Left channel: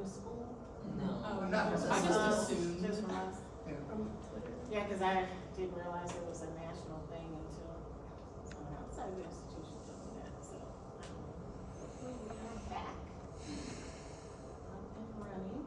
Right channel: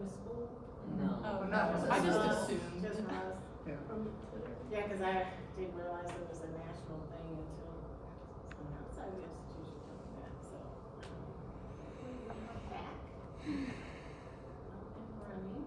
to school? No. Oh, not I just assumed. Just from us? Yeah. Yeah, cause I didn't realize it was a national thing until someone outside the institution told me that, so. Hopefully we are back. Up and running.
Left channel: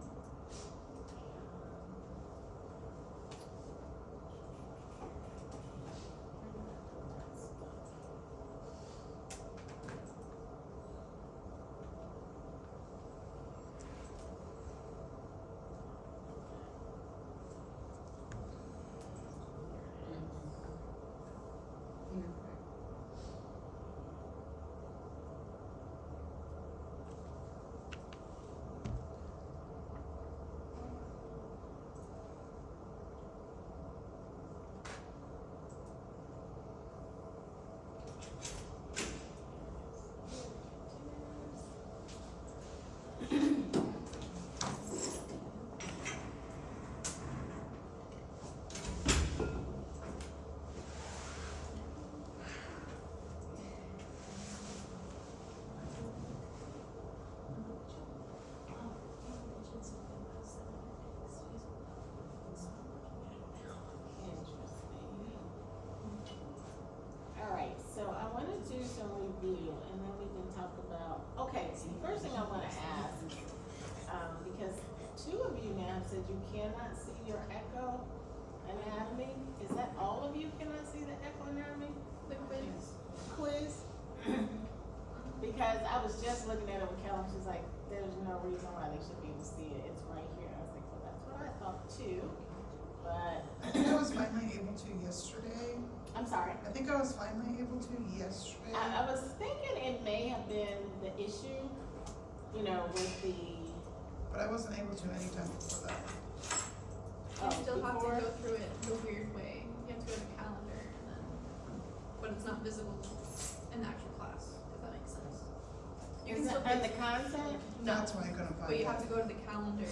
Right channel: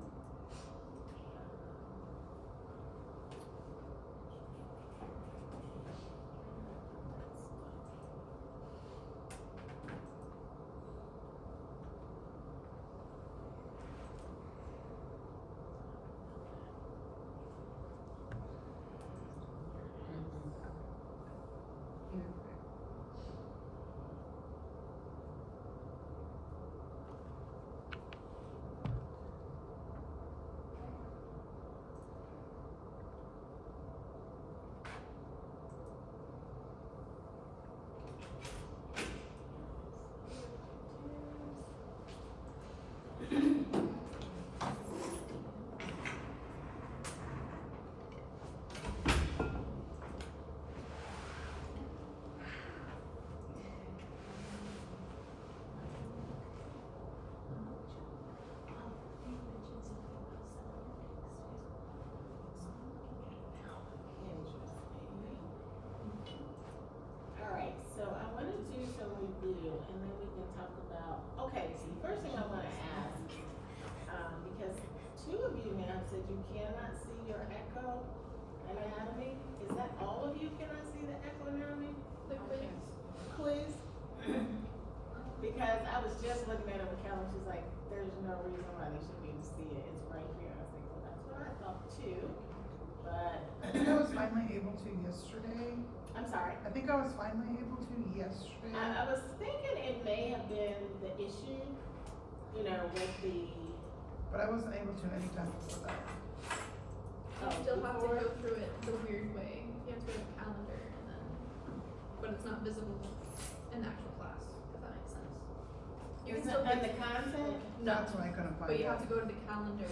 Alright, so I wanna do some review and then we can talk about, okay, so the first thing I wanna ask, because two of you now said you cannot see your echo anatomy. Is that all of you cannot see the echo anatomy? The quiz. Quiz? Because I was just looking at it with Kelly, she's like, there's no reason why they should be able to see it, it's right here. I was like, well, that's what I thought too, but, I think I was finally able to yesterday. I'm sorry. I think I was finally able to yesterday. I was thinking it may have been the issue, you know, with the, But I wasn't able to anytime before that. You still have to before. go through it the weird way. You have to go to the calendar and then, but it's not visible in the actual class, if that makes sense. You Is can it still on do- the content? That's why I couldn't find But you it. have to go to the calendar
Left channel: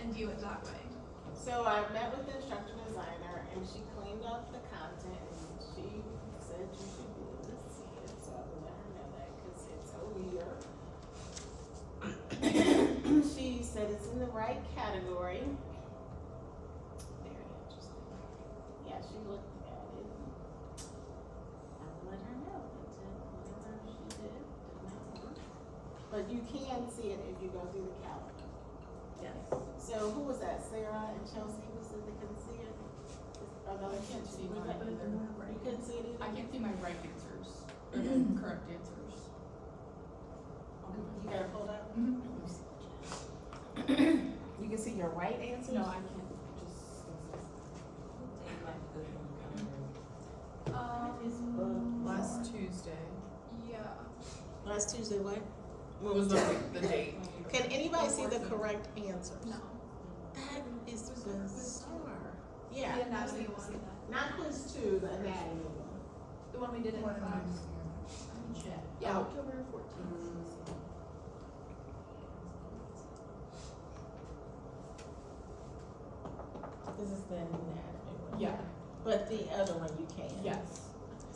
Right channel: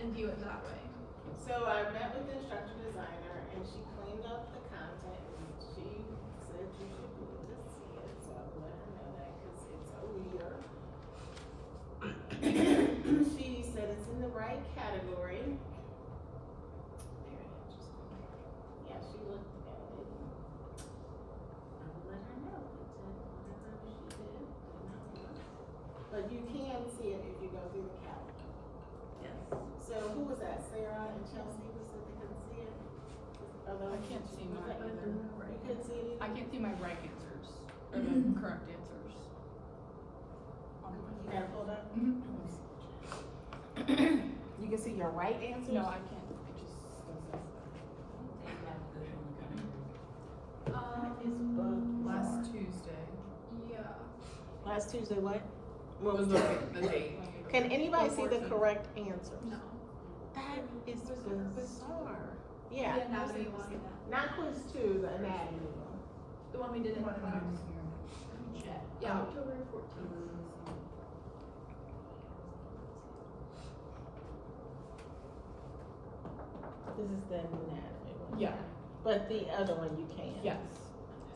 and view it that way. So I met with the instructor designer and she cleaned up the content and she said you should be able to see it, so I'm letting her know that, cause it's a weird. She said it's in the right category. Very interesting. Yeah, she looked at it. I let her know, it did, whatever she did not work. But you can see it if you go through the calendar. Yes. So who was that, Sarah and Chelsea, who said they couldn't see it? Are those I can't see was mine that- either. You couldn't see it I either? can see my right answers, or the correct answers. You got it pulled up? Mhm. You can see your right answers? No, I can't, I just. Last Tuesday. Yeah. Last Tuesday, what? What was the date? Can anybody see the correct answers? No. That is bizarre. Yeah. The anatomy one. Not quiz two, the anatomy one. The one we did in What am I class. doing here? Yeah, Oh. October 14th. This is the anatomy one. Yeah. But the other one you can. Yes.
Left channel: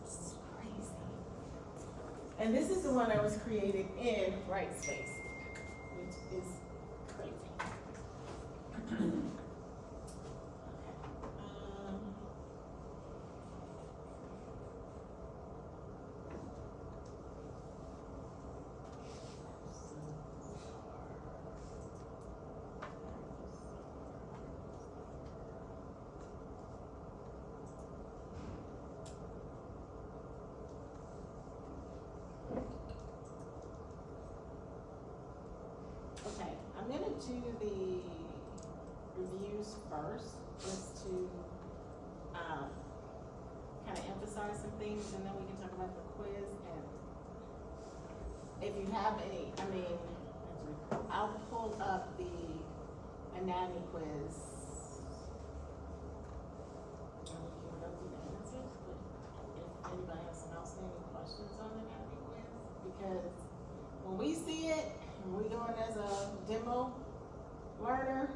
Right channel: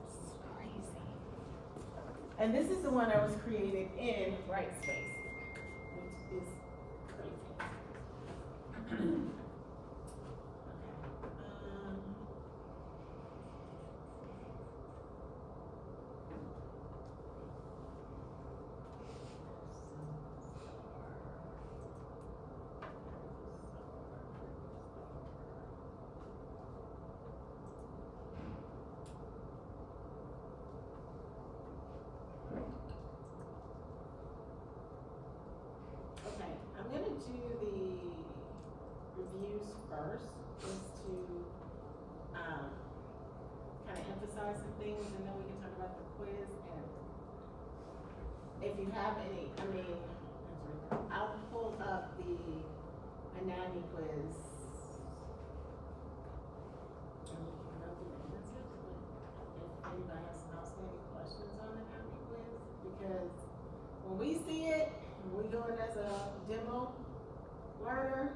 That's crazy. And this is the one that was created in Brightspace, which is crazy. Okay. Okay, I'm gonna do the reviews first, just to, kind of emphasize some things, and then we can talk about the quiz, and if you have any, I mean, I'll pull up the anatomy quiz. And we can go through the answers, but if anybody has some outstanding questions on the anatomy quiz, because when we see it, and we go in as a demo learner,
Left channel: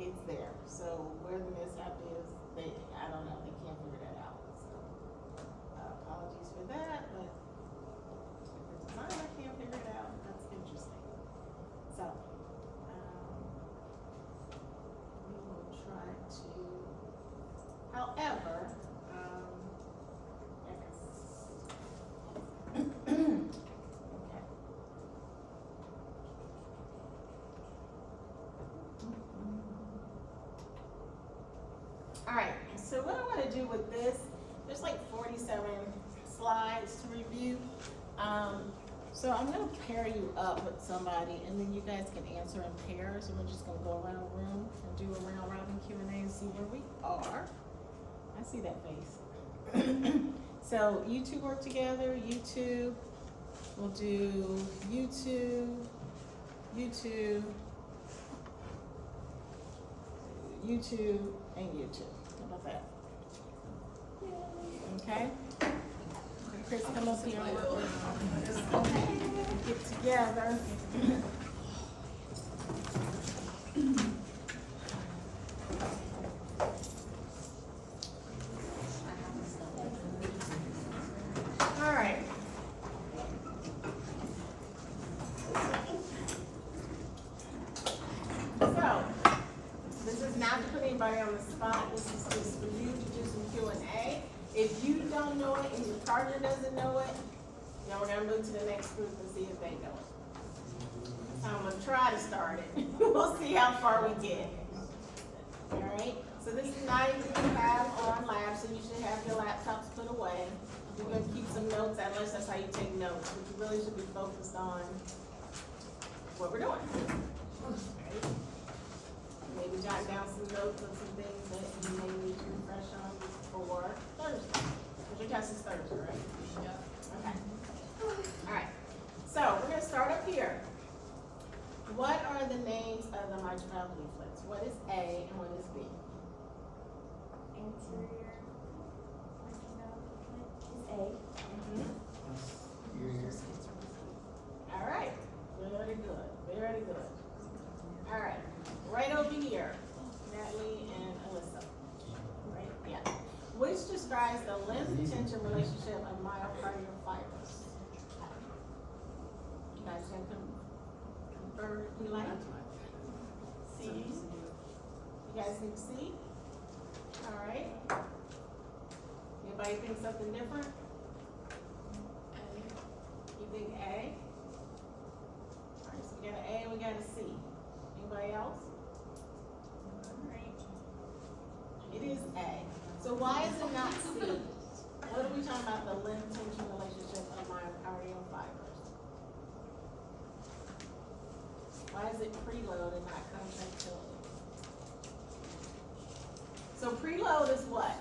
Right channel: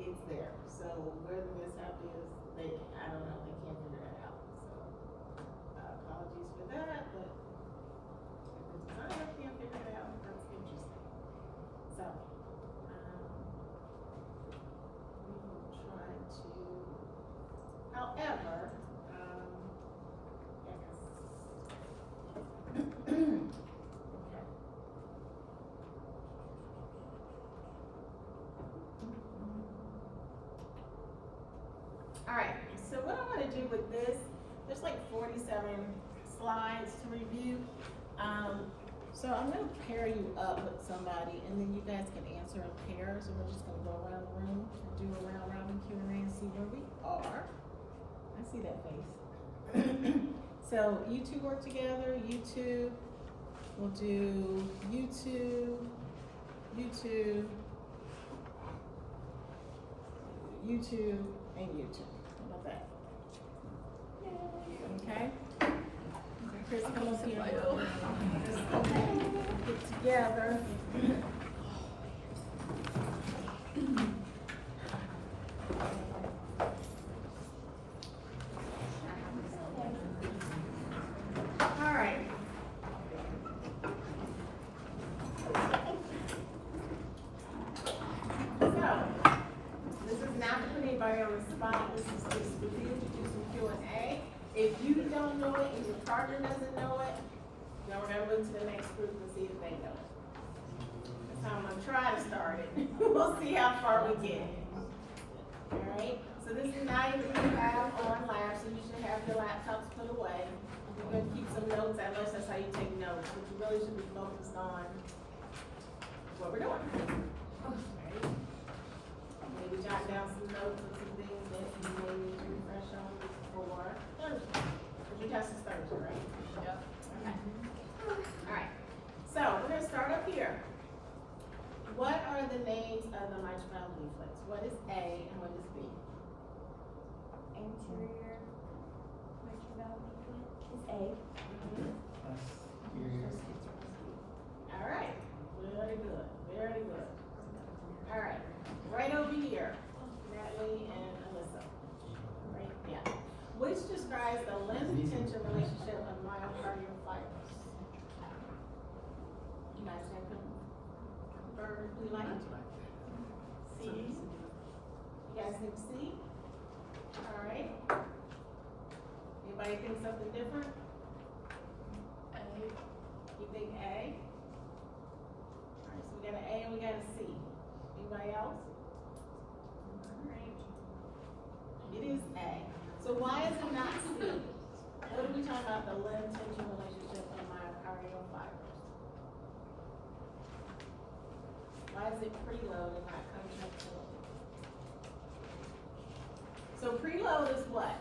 it's there. So where the mishap is, I don't know, they can't figure that out. So apologies for that, but if the designer can't figure it out, that's interesting. So Alright, so what I wanna do with this, there's like 47 slides to review. So I'm gonna pair you up with somebody and then you guys can answer in pairs, and we're just gonna go around the room and do a round robin Q&A and see where we are. I see that face. So you two work together, you two, we'll do you two, you two, you two, and you two. How about that? Okay? Chris, come up here. Get together. All right. So, this is not to put anybody on the spot. This is just for you to do some Q&A. If you don't know it and your partner doesn't know it, then we're gonna move to the next group and see if they know it. That's how I'm gonna try to start it. We'll see how far we get. All right, so this is not even you have on lab, so you should have your laptops put away. You're gonna keep some notes, unless that's how you take notes, but you really should be focused on what we're doing. Right? Maybe jot down some notes of some things that you may need to refresh on for Thursday. Because your test is Thursday, right? Yeah. Okay. All right. So we're gonna start up here. What are the names of the mitral valve leaflets? What is A and what is B? Anterior mitral valve leaflet is A. All right. Very good. Very good. All right. Right over here, Natalie and Alyssa. Right? Yeah. Which describes the length-tension relationship of myocardial fibers? You guys can confirm if you like. C. You guys think C? All right. Anybody think something different? You think A? All right, so we got an A and we got a C. Anybody else? All right. It is A. So why is it not C? What are we talking about, the length-tension relationship of myocardial fibers? Why is it preload and not contractility? So preload is what?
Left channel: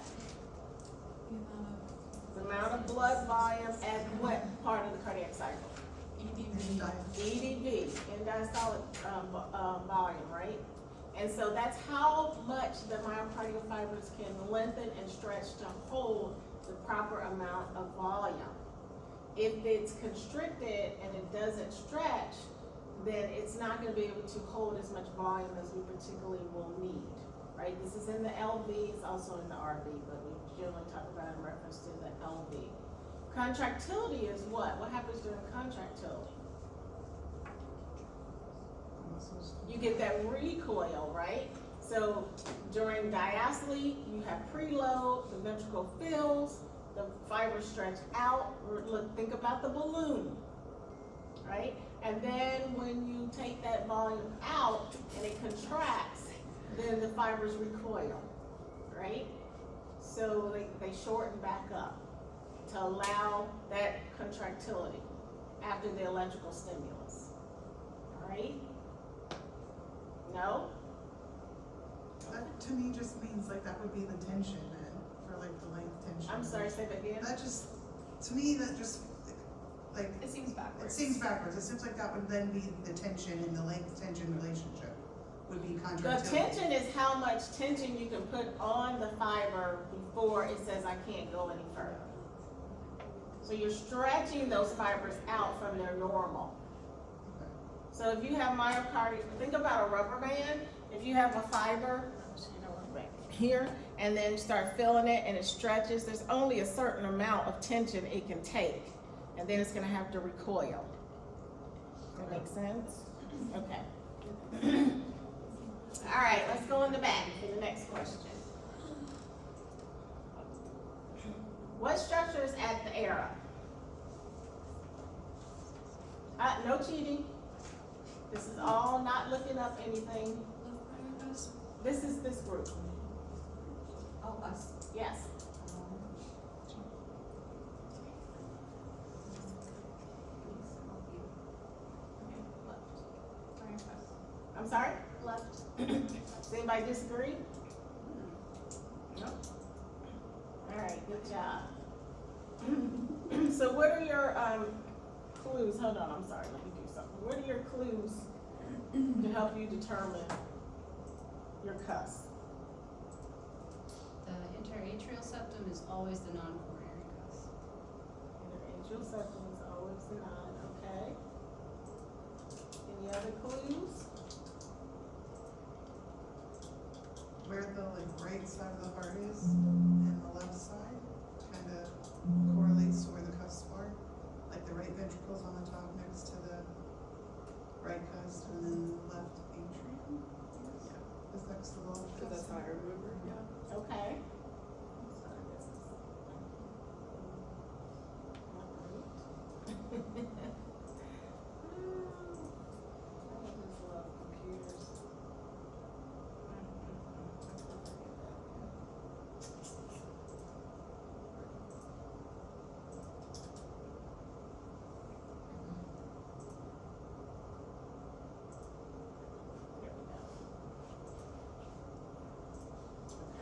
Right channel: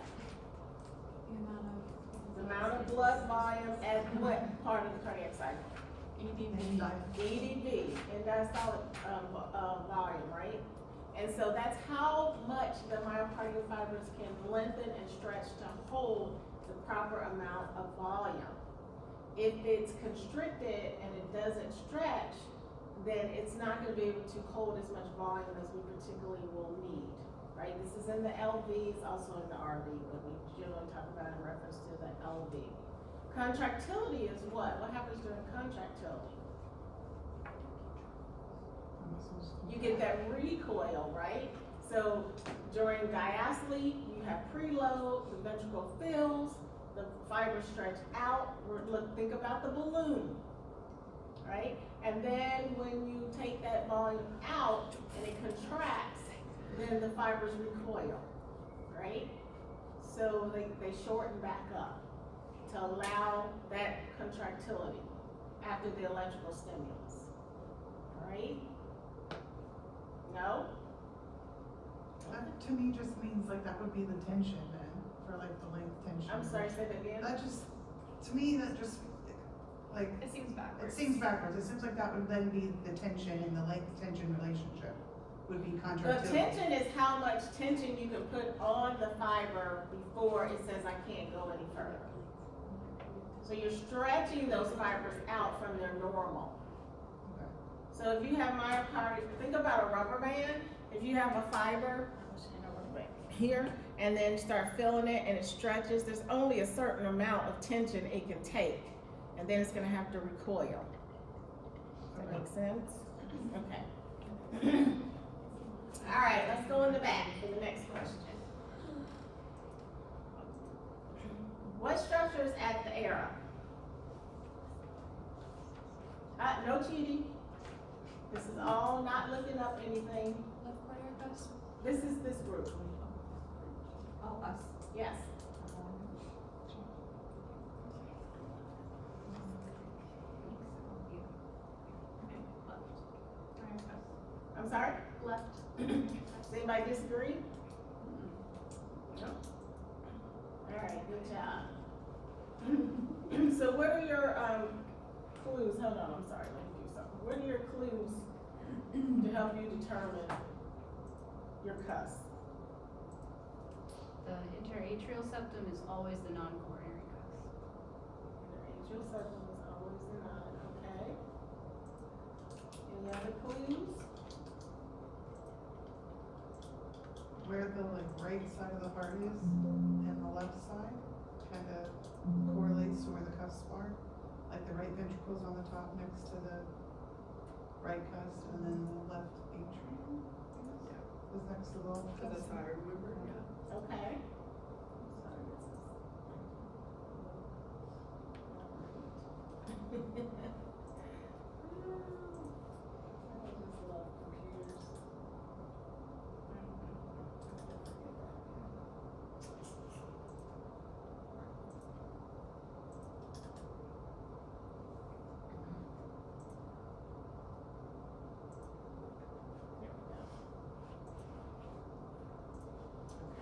The amount of blood volume at what part of the cardiac cycle? EDV, end-diastolic volume, right? And so that's how much the myocardial fibers can lengthen and stretch to hold the proper amount of volume. If it's constricted and it doesn't stretch, then it's not going to be able to hold as much volume as we particularly will need, right? This is in the LV, it's also in the RV, but we generally talk about in reference to the LV. Contractility is what? What happens during contractility? You get that recoil, right? So during diastole, you have preload, the ventricle fills, the fibers stretch out. Look, think about the balloon, right? And then when you take that volume out and it contracts, then the fibers recoil, right? So they shorten back up to allow that contractility after the electrical stimulus, all right? No? That to me just means like that would be the tension then, for like the length tension. I'm sorry, say that again? That just, to me, that just, like, It seems backwards. it seems backwards. It seems like that would then be the tension and the length tension relationship would be The contractility. tension is how much tension you can put on the fiber before it says I can't go any further. So you're stretching those fibers out from their normal. Okay. So if you have myocardial, think about a rubber band. If you have a fiber here and then start filling it and it stretches, there's only a certain amount of tension it can take, and then it's gonna have to recoil. Does that make sense? Okay. All right, let's go in the back for the next question. What structure is at the era? No cheating. This is all not looking up anything. Left cardiac vessel. This is this group. Us. Yes. I'm sorry? Left. Does anybody disagree? No? Alright, good job. So what are your, clues? Hold on, I'm sorry, let me do something. What are your clues to help you determine your cuss? The interatrial septum is always the non-coronary cuss. Interatrial septum is always the nine, okay. Any other clues? Where the like right side of the heart is and the left side kind of correlates to where the cuffs are. Like the right ventricle's on the top next to the right cuff, and then the left atrium is next to the left Cause that's cuff. how I remember, yeah. Okay. I just love computers.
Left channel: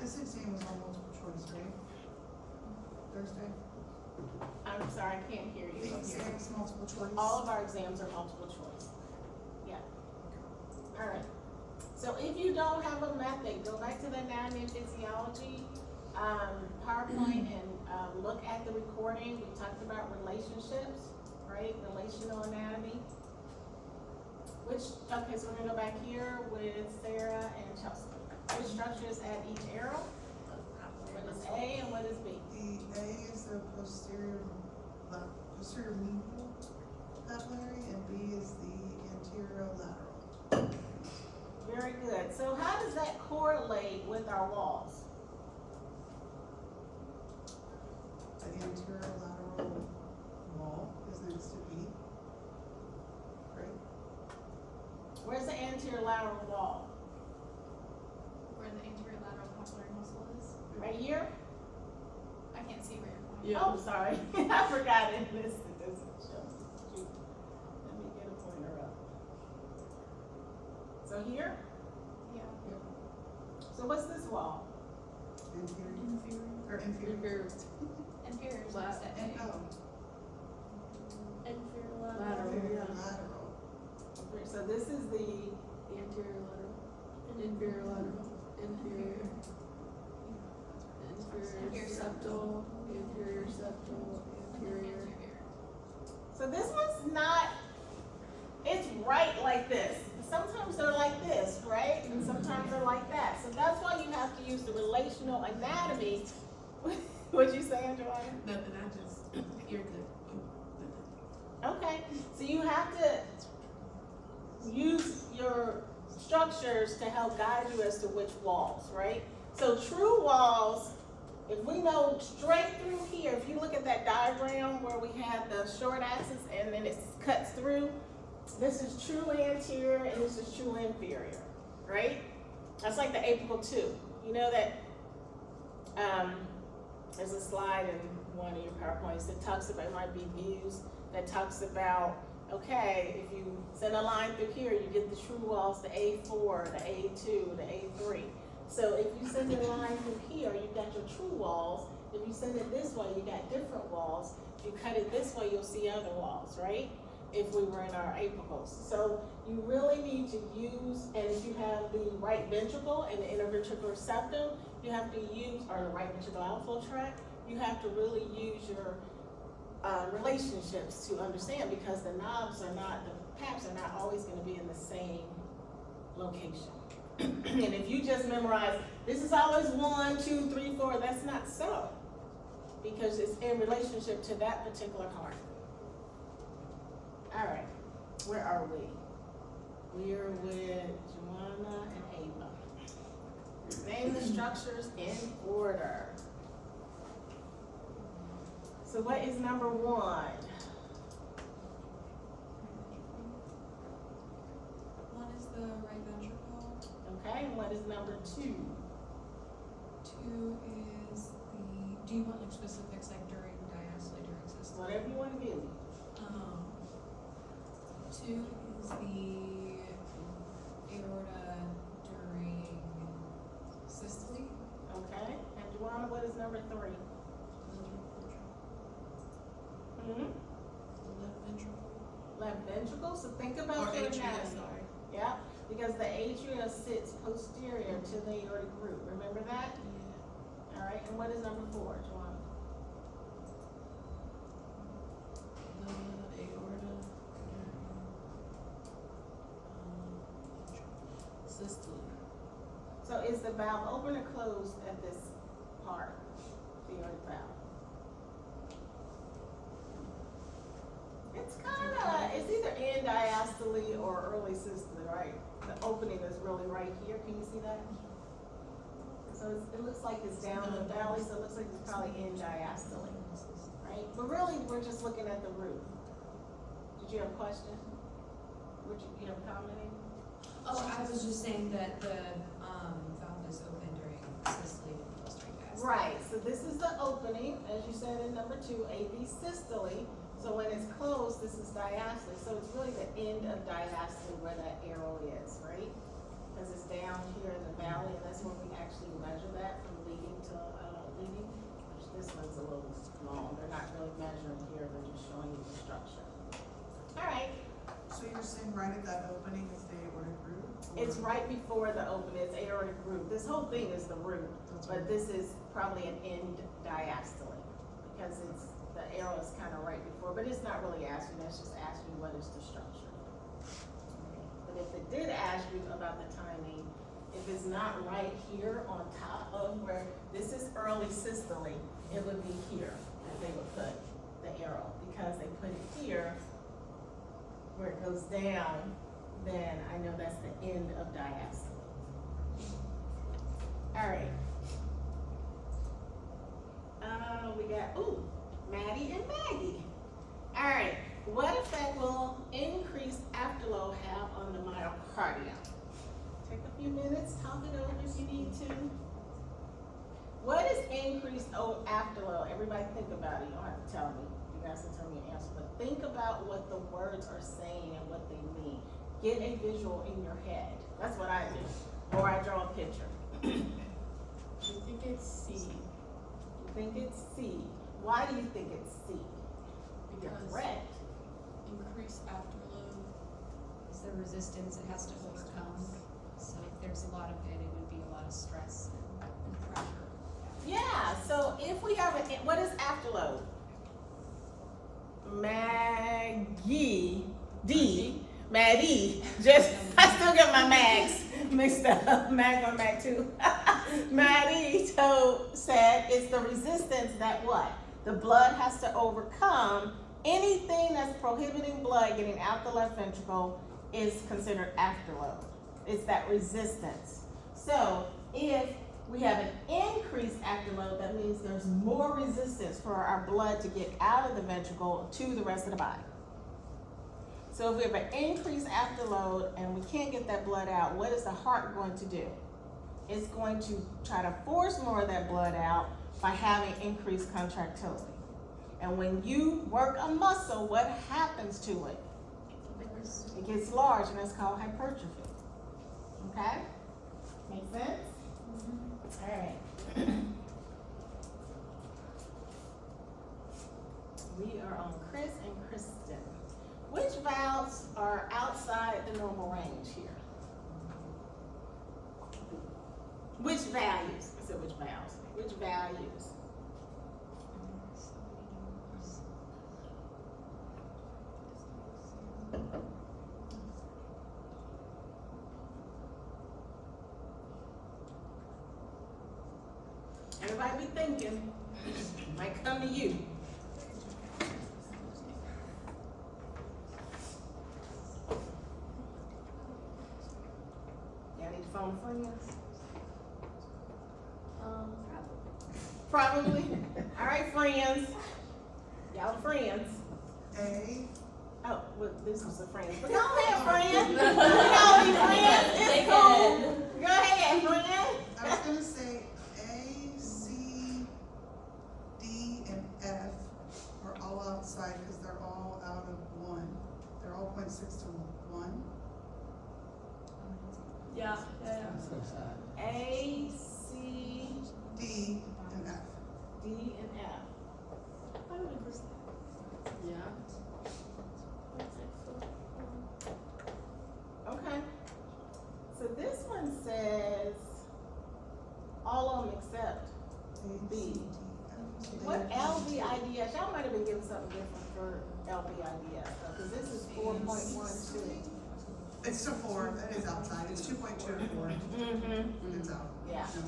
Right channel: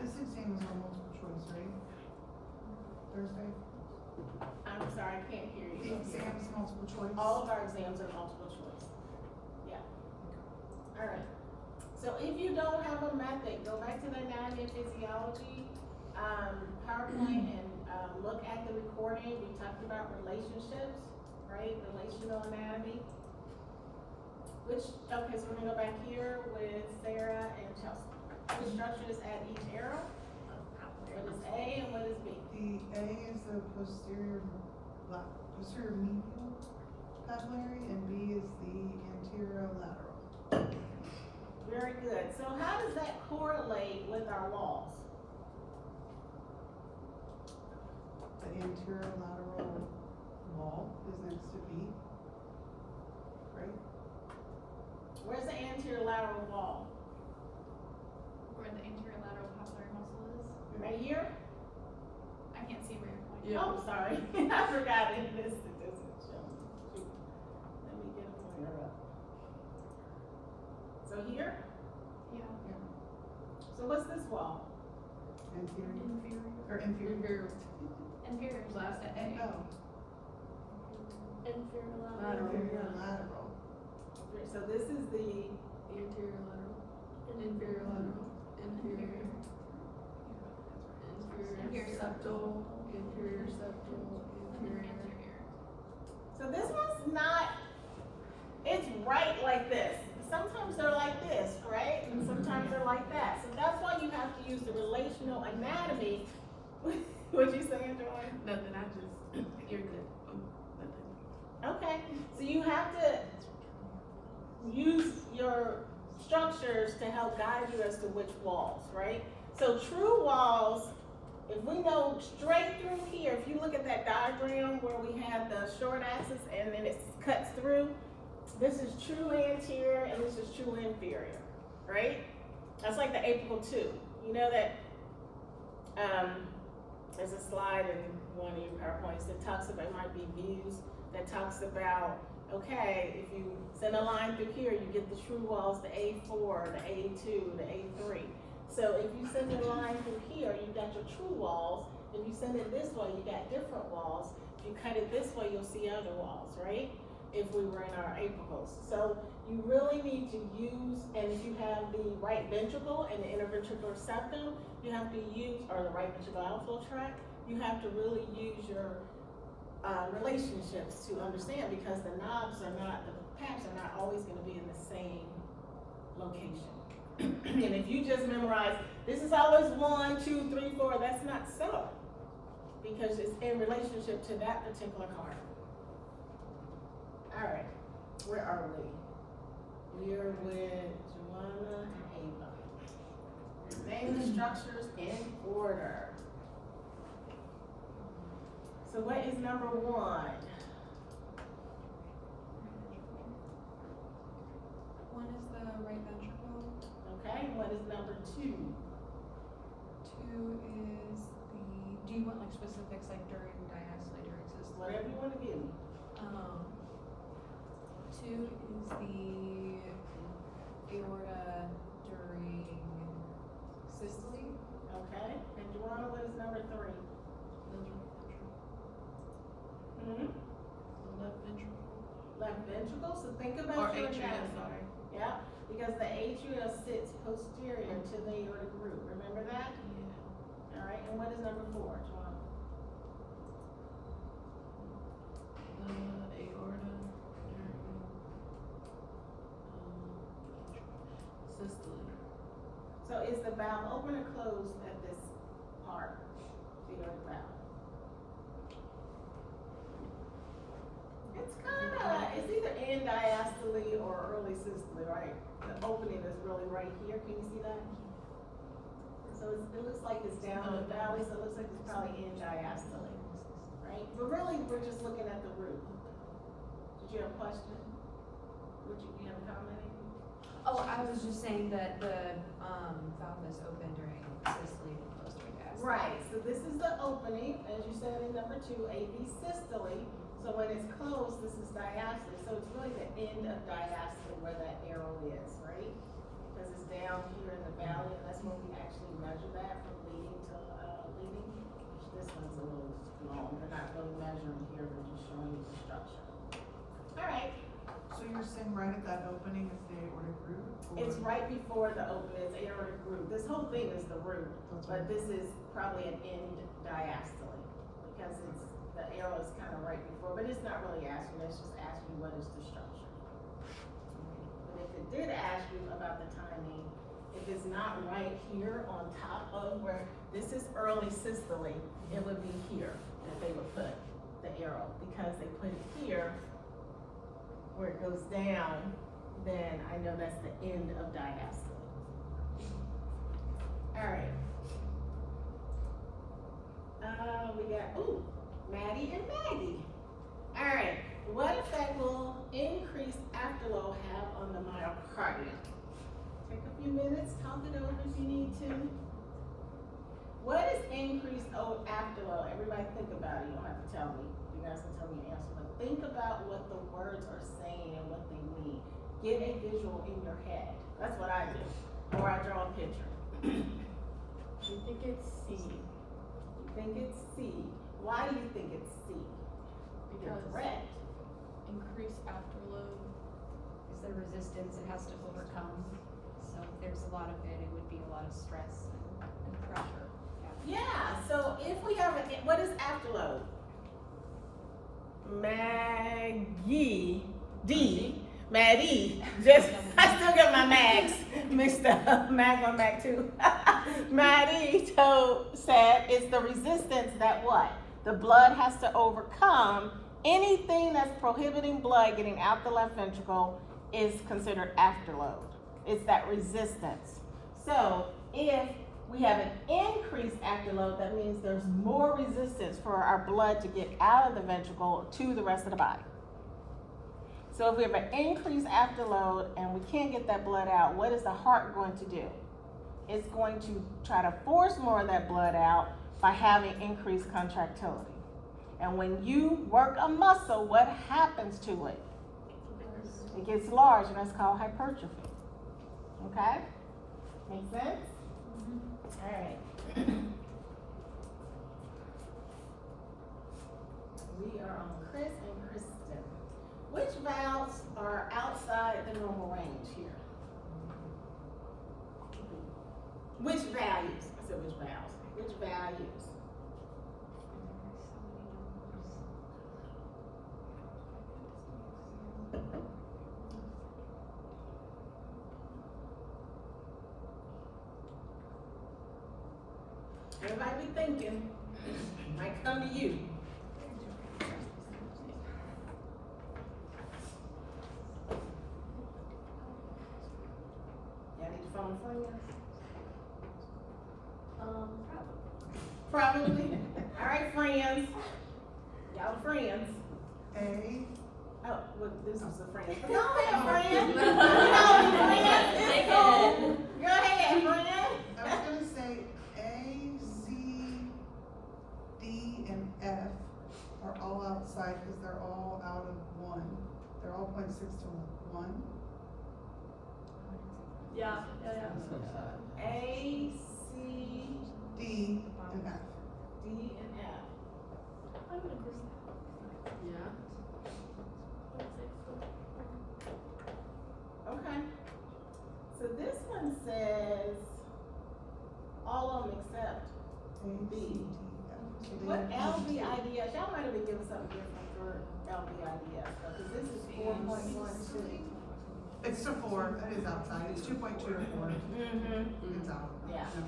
This exam is on multiple choice, right? Thursday? I'm sorry, I can't hear you. The exam is multiple choice? All of our exams are multiple choice. Yeah. Alright. So if you don't have a method, go back to the anatomy and physiology, PowerPoint and, look at the recording. We talked about relationships, right? Relational anatomy. Okay, so we're gonna go back here with Sarah and Chelsea. Which structures at each arrow? What is A and what is B? The A is the posterior medial papillary, and B is the anterolateral. Very good. So how does that correlate with our walls? The anterolateral wall is next to B, right? Where's the anterior lateral wall? Where the anterior lateral papillary muscle is. Right here? I can't see where you're pointing. Yeah. Oh, sorry. I forgot it. This doesn't show. Shoot. Let me get a pointer up. So here? Yeah. So what's this wall? Anterior, Inferior. or inferior. Inferior is Last. the And, oh, inferior Lateral. inferior lateral. So this is the, Anterior lateral, inferior lateral, inferior, inferior septal, anterior septal, anterior. so this one's not, it's right like this. Sometimes they're like this, right? And sometimes they're like that. So that's why you have to use the relational anatomy. What'd you say, Andrea? Nothing, I just, you're good. Nothing. Okay, so you have to use your structures to help guide you as to which walls, right? So true walls, if we know straight through here, if you look at that diagram where we have the short axis and then it cuts through, this is true anterior and this is true inferior, right? That's like the apical 2. You know that, there's a slide in one of your PowerPoints that talks about, it might be views, that talks about, okay, if you send a line through here, you get the true walls, the A4, the A2, the A3. So if you send a line through here, you've got your true walls. If you send it this way, you got different walls. If you cut it this way, you'll see other walls, right? If we were in our apicals. So you really need to use, and if you have the right ventricle and the interventricular septum, you have to use, or the right ventricular outflow tract, you have to really use your relationships to understand, because the knobs are not, the paps are not always gonna be in the same location. And if you just memorize, this is always 1, 2, 3, 4, that's not so. Because it's in relationship to that particular heart. All right, where are we? We're with Joanna and Ava. Name the structures in order. So what is number 1? One is the right ventricle, Okay, and what is number 2? 2 is do you want like specifics like during diastole, during systole? Whatever you wanna give me. 2 is the aorta during systole. Okay, and Joanna, what is number 3? Hmm? Left ventricle. Left ventricle, so think Or about your atria, anatomy. sorry. Yeah, because the atria sits posterior to the aortic root, remember that? Alright, and what is number 4, Joanna? Aorta. Systole. So is the valve open or closed at this part, the aortic valve? It's it's either in diastole or early systole, right? The opening is really right here, can you see that? So it looks like it's down in the valley, so it looks like it's probably in diastole, right? But really, we're just looking at the root. Did you have a question? Would you have a comment? Oh, I was just saying that the valve is open during systole and closed during diastole. Right, so this is the opening, as you said in number 2, AV systole. So when it's closed, this is diastole. So it's really the end of diastole where that arrow is, right? Because it's down here in the valley, and that's where we actually measure that from leading to leading. This one's a little long. They're not really measuring here, they're just showing you the structure. All right, So you're saying right at that opening is the aortic root? or- it's right before the opening, it's aortic root. This whole thing is the root. That's But right. this is probably an end diastole, because it's, the arrow is kind of right before, but it's not really asking, that's just asking what is the structure. But if it did ask you about the timing, if it's not right here on top of where, this is early systole, it would be here that they would put the arrow, because they put it here where it goes down, then I know that's the end of diastole. All right. We got, Maddie and Maggie. All right, what effect will increased afterload have on the myocardium? Take a few minutes, talk it over if you need to. What is increased afterload? Everybody think about it, you don't have to tell me. You guys can tell me an answer, but think about what the words are saying and what they mean. Get a visual in your head. That's what I do, or I draw a picture. I think it's C. You think it's C. Why do you think it's C? You're Because correct. increased afterload. It's the resistance it has to overcome. So if there's a lot of it, it would be a lot of stress and pressure. Yeah, so if we have what is afterload? Maddie, I still get my mags mixed up, mag 1, mag 2. Maddie said it's the resistance that what? The blood has to overcome. Anything that's prohibiting blood getting out the left ventricle is considered afterload. It's that resistance. So if we have an increased afterload, that means there's more resistance for our blood to get out of the ventricle to the rest of the body. So if we have an increased afterload and we can't get that blood out, what is the heart going to do? It's going to try to force more of that blood out by having increased contractility. And when you work a muscle, what happens to it? It gets large, and that's called hypertrophy. Okay? Make sense? All right. We are on Chris and Kristen. Which valves are outside the normal range here? Which values? I said which valves. Which values? Everybody be thinking. Might come to you. Y'all need to phone friends? Probably. All right, friends. Y'all friends. A, Oh, well, this was a friend. But go ahead, friend. You know me, friend. It's cool. Go ahead, friend. I was gonna say A, C, cause they're all out of one. They're all 0.6 to 1. Yeah. A, C, D and F. D, and F. Yeah. Okay. So this one says all of them except A, B. C, D, F. So they what are LVIDS, y'all might have been given something different for LVIDS, because this is 4.12. It's to 4, that is outside, it's 2.2 to 4, Mm-hmm. it's out. Yeah. No,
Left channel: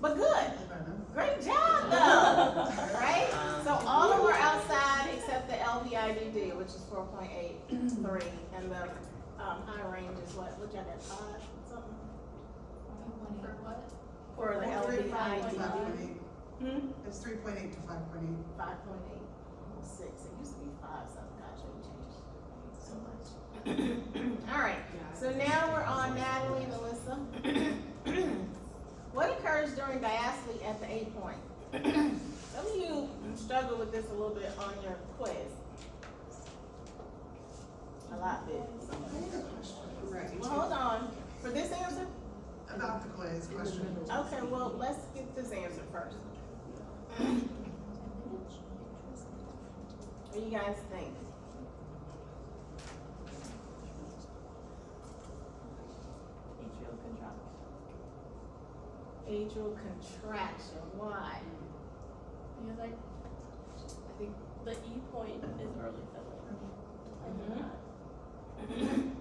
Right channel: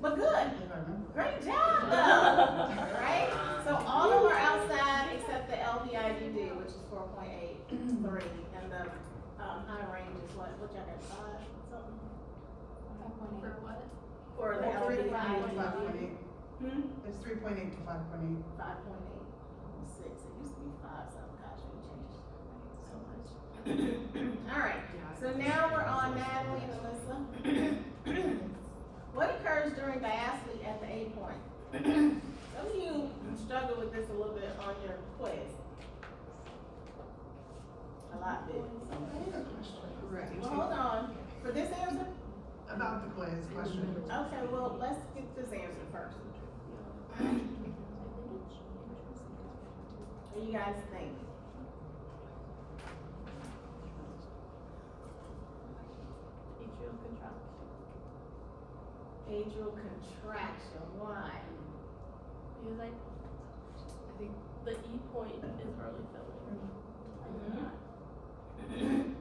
But good, if I remember. great job though, right? So all of them are outside except the LVIDD, which is 4.83, and the, high range is what y'all got, 5 something? For what? For the 3.8 to LVIDD. 5.8. It's 3.8 to 5.8. 5.86, it used to be 5 something, gosh, we changed so much. All right, so now we're on Natalie and Alyssa. What occurs during diastole at the A point? Some of you struggle with this a little bit on your quiz. A lot did. I have a question Right. Well, hold on, for this answer? about the quiz question. Okay, well, let's get this answer first. What do you guys think? Atrial contraction, why? Because I think the E point is early filling.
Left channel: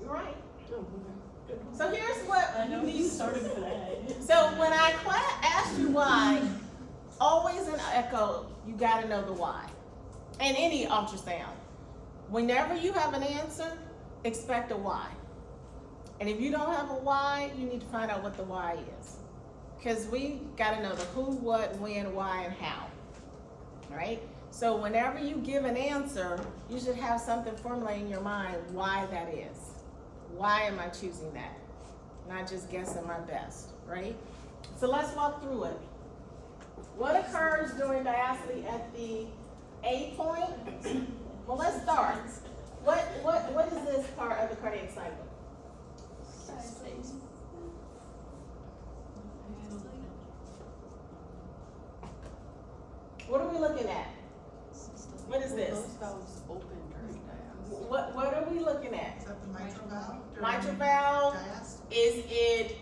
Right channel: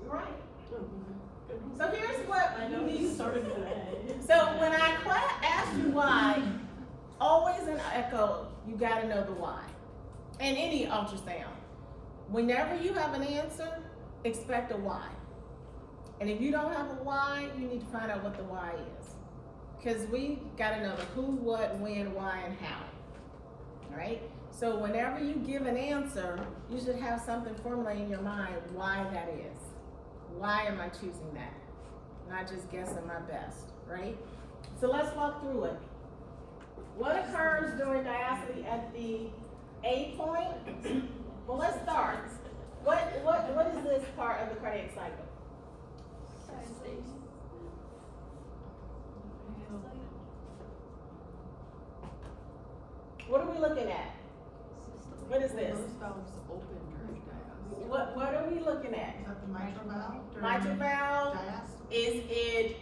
You're right. Oh, So here's what you need. started today. So when I asked you why, always in echo, you gotta know the why. And any ultrasound. Whenever you have an answer, expect a why. And if you don't have a why, you need to find out what the why is. Because we gotta know the who, what, when, why, and how. Right? So whenever you give an answer, you should have something formulated in your mind why that is. Why am I choosing that? Not just guessing my best, right? So let's walk through it. What occurs during diastole at the A point? Well, let's start. What is this part of the cardiac cycle? What are we looking at? What is this? Those valves open during diastole. What are we looking at? Is that the mitral valve? Mitral valve? Diastole? Is it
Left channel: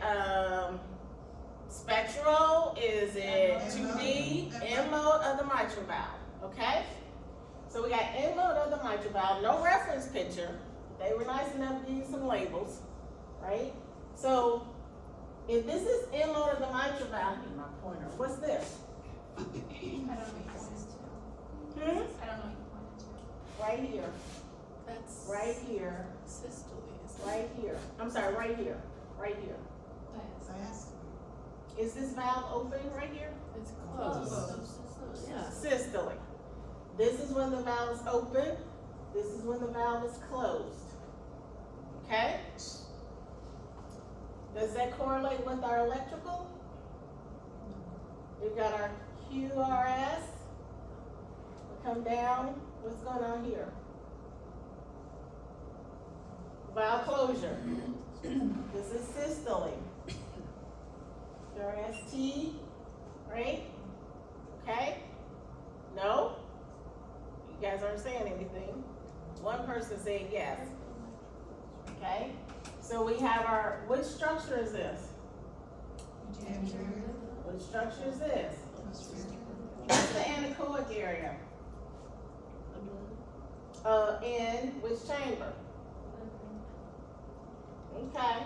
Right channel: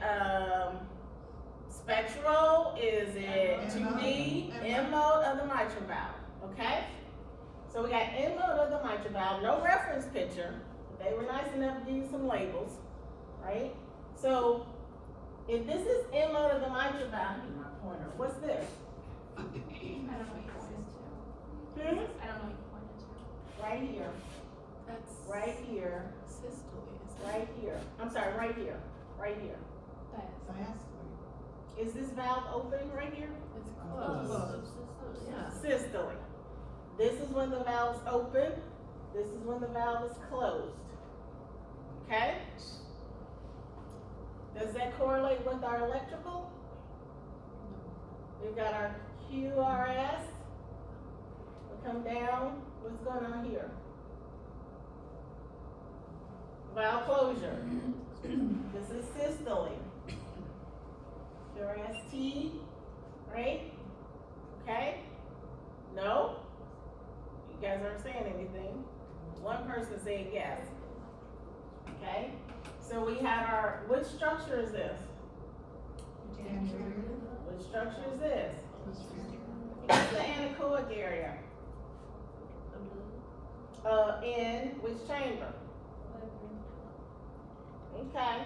spectral? Is it 2D? End mode of the mitral valve, okay? So we got end mode of the mitral valve, no reference picture. They were nice enough to give you some labels, right? So if this is end mode of the mitral valve, I need my pointer. What's this? I don't know what you pointed to. Hmm? I don't know what you pointed to. Right here, That's right here, systole, isn't it? right here. I'm sorry, right here, right here. Diastole. Is this valve open right here? It's closed. Yeah. Systole. This is when the valve is open. This is when the valve is closed. Okay? Does that correlate with our electrical? We've got our QRS. We come down. What's going on here? Valve closure. This is systole. QRST, right? Okay? No? You guys aren't saying anything. One person said yes. Okay? So we have our, which structure is this? Anterior. Which structure is this? Posterior. What's the anechoic area? In which chamber? Okay.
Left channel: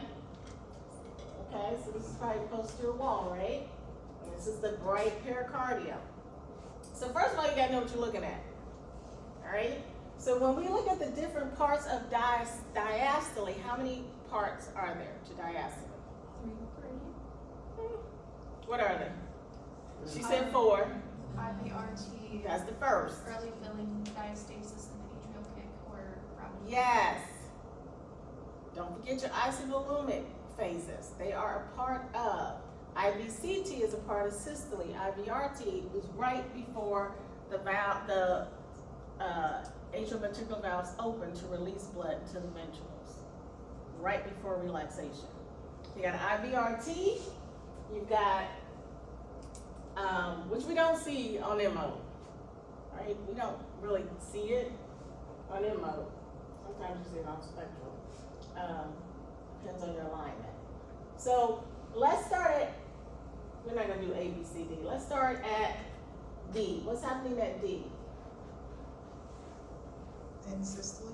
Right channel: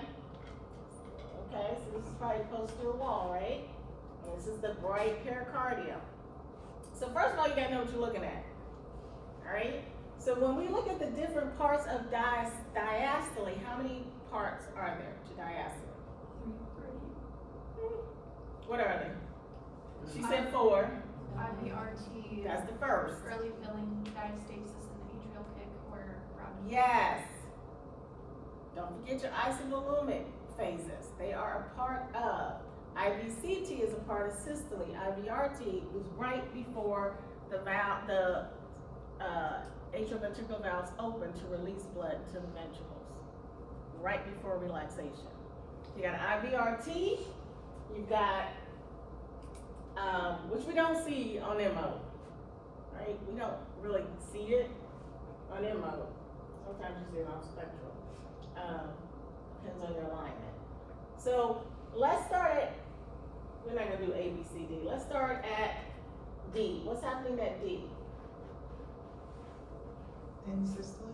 Okay, so this is probably posterior wall, right? And this is the bright pericardium. So first of all, you gotta know what you're looking at. Alright? So when we look at the different parts of diastole, how many parts are there to diastole? What are they? She said 4. IVRT. That's the first. Early filling, diastasis, and the atrial kick or gravity. Yes. Don't forget your isovolumic phases. They are a part of. IVCT is a part of systole. IVRT was right before the valve, the atrioventricular valves open to release blood to the ventricles, right before relaxation. You got IVRT, you've got, which we don't see on MO, right? We don't really see it on MO. Sometimes you see it on spectral. Depends on your alignment. So let's start at, we're not gonna do A, B, C, D. Let's start at D. What's happening at D? In systole?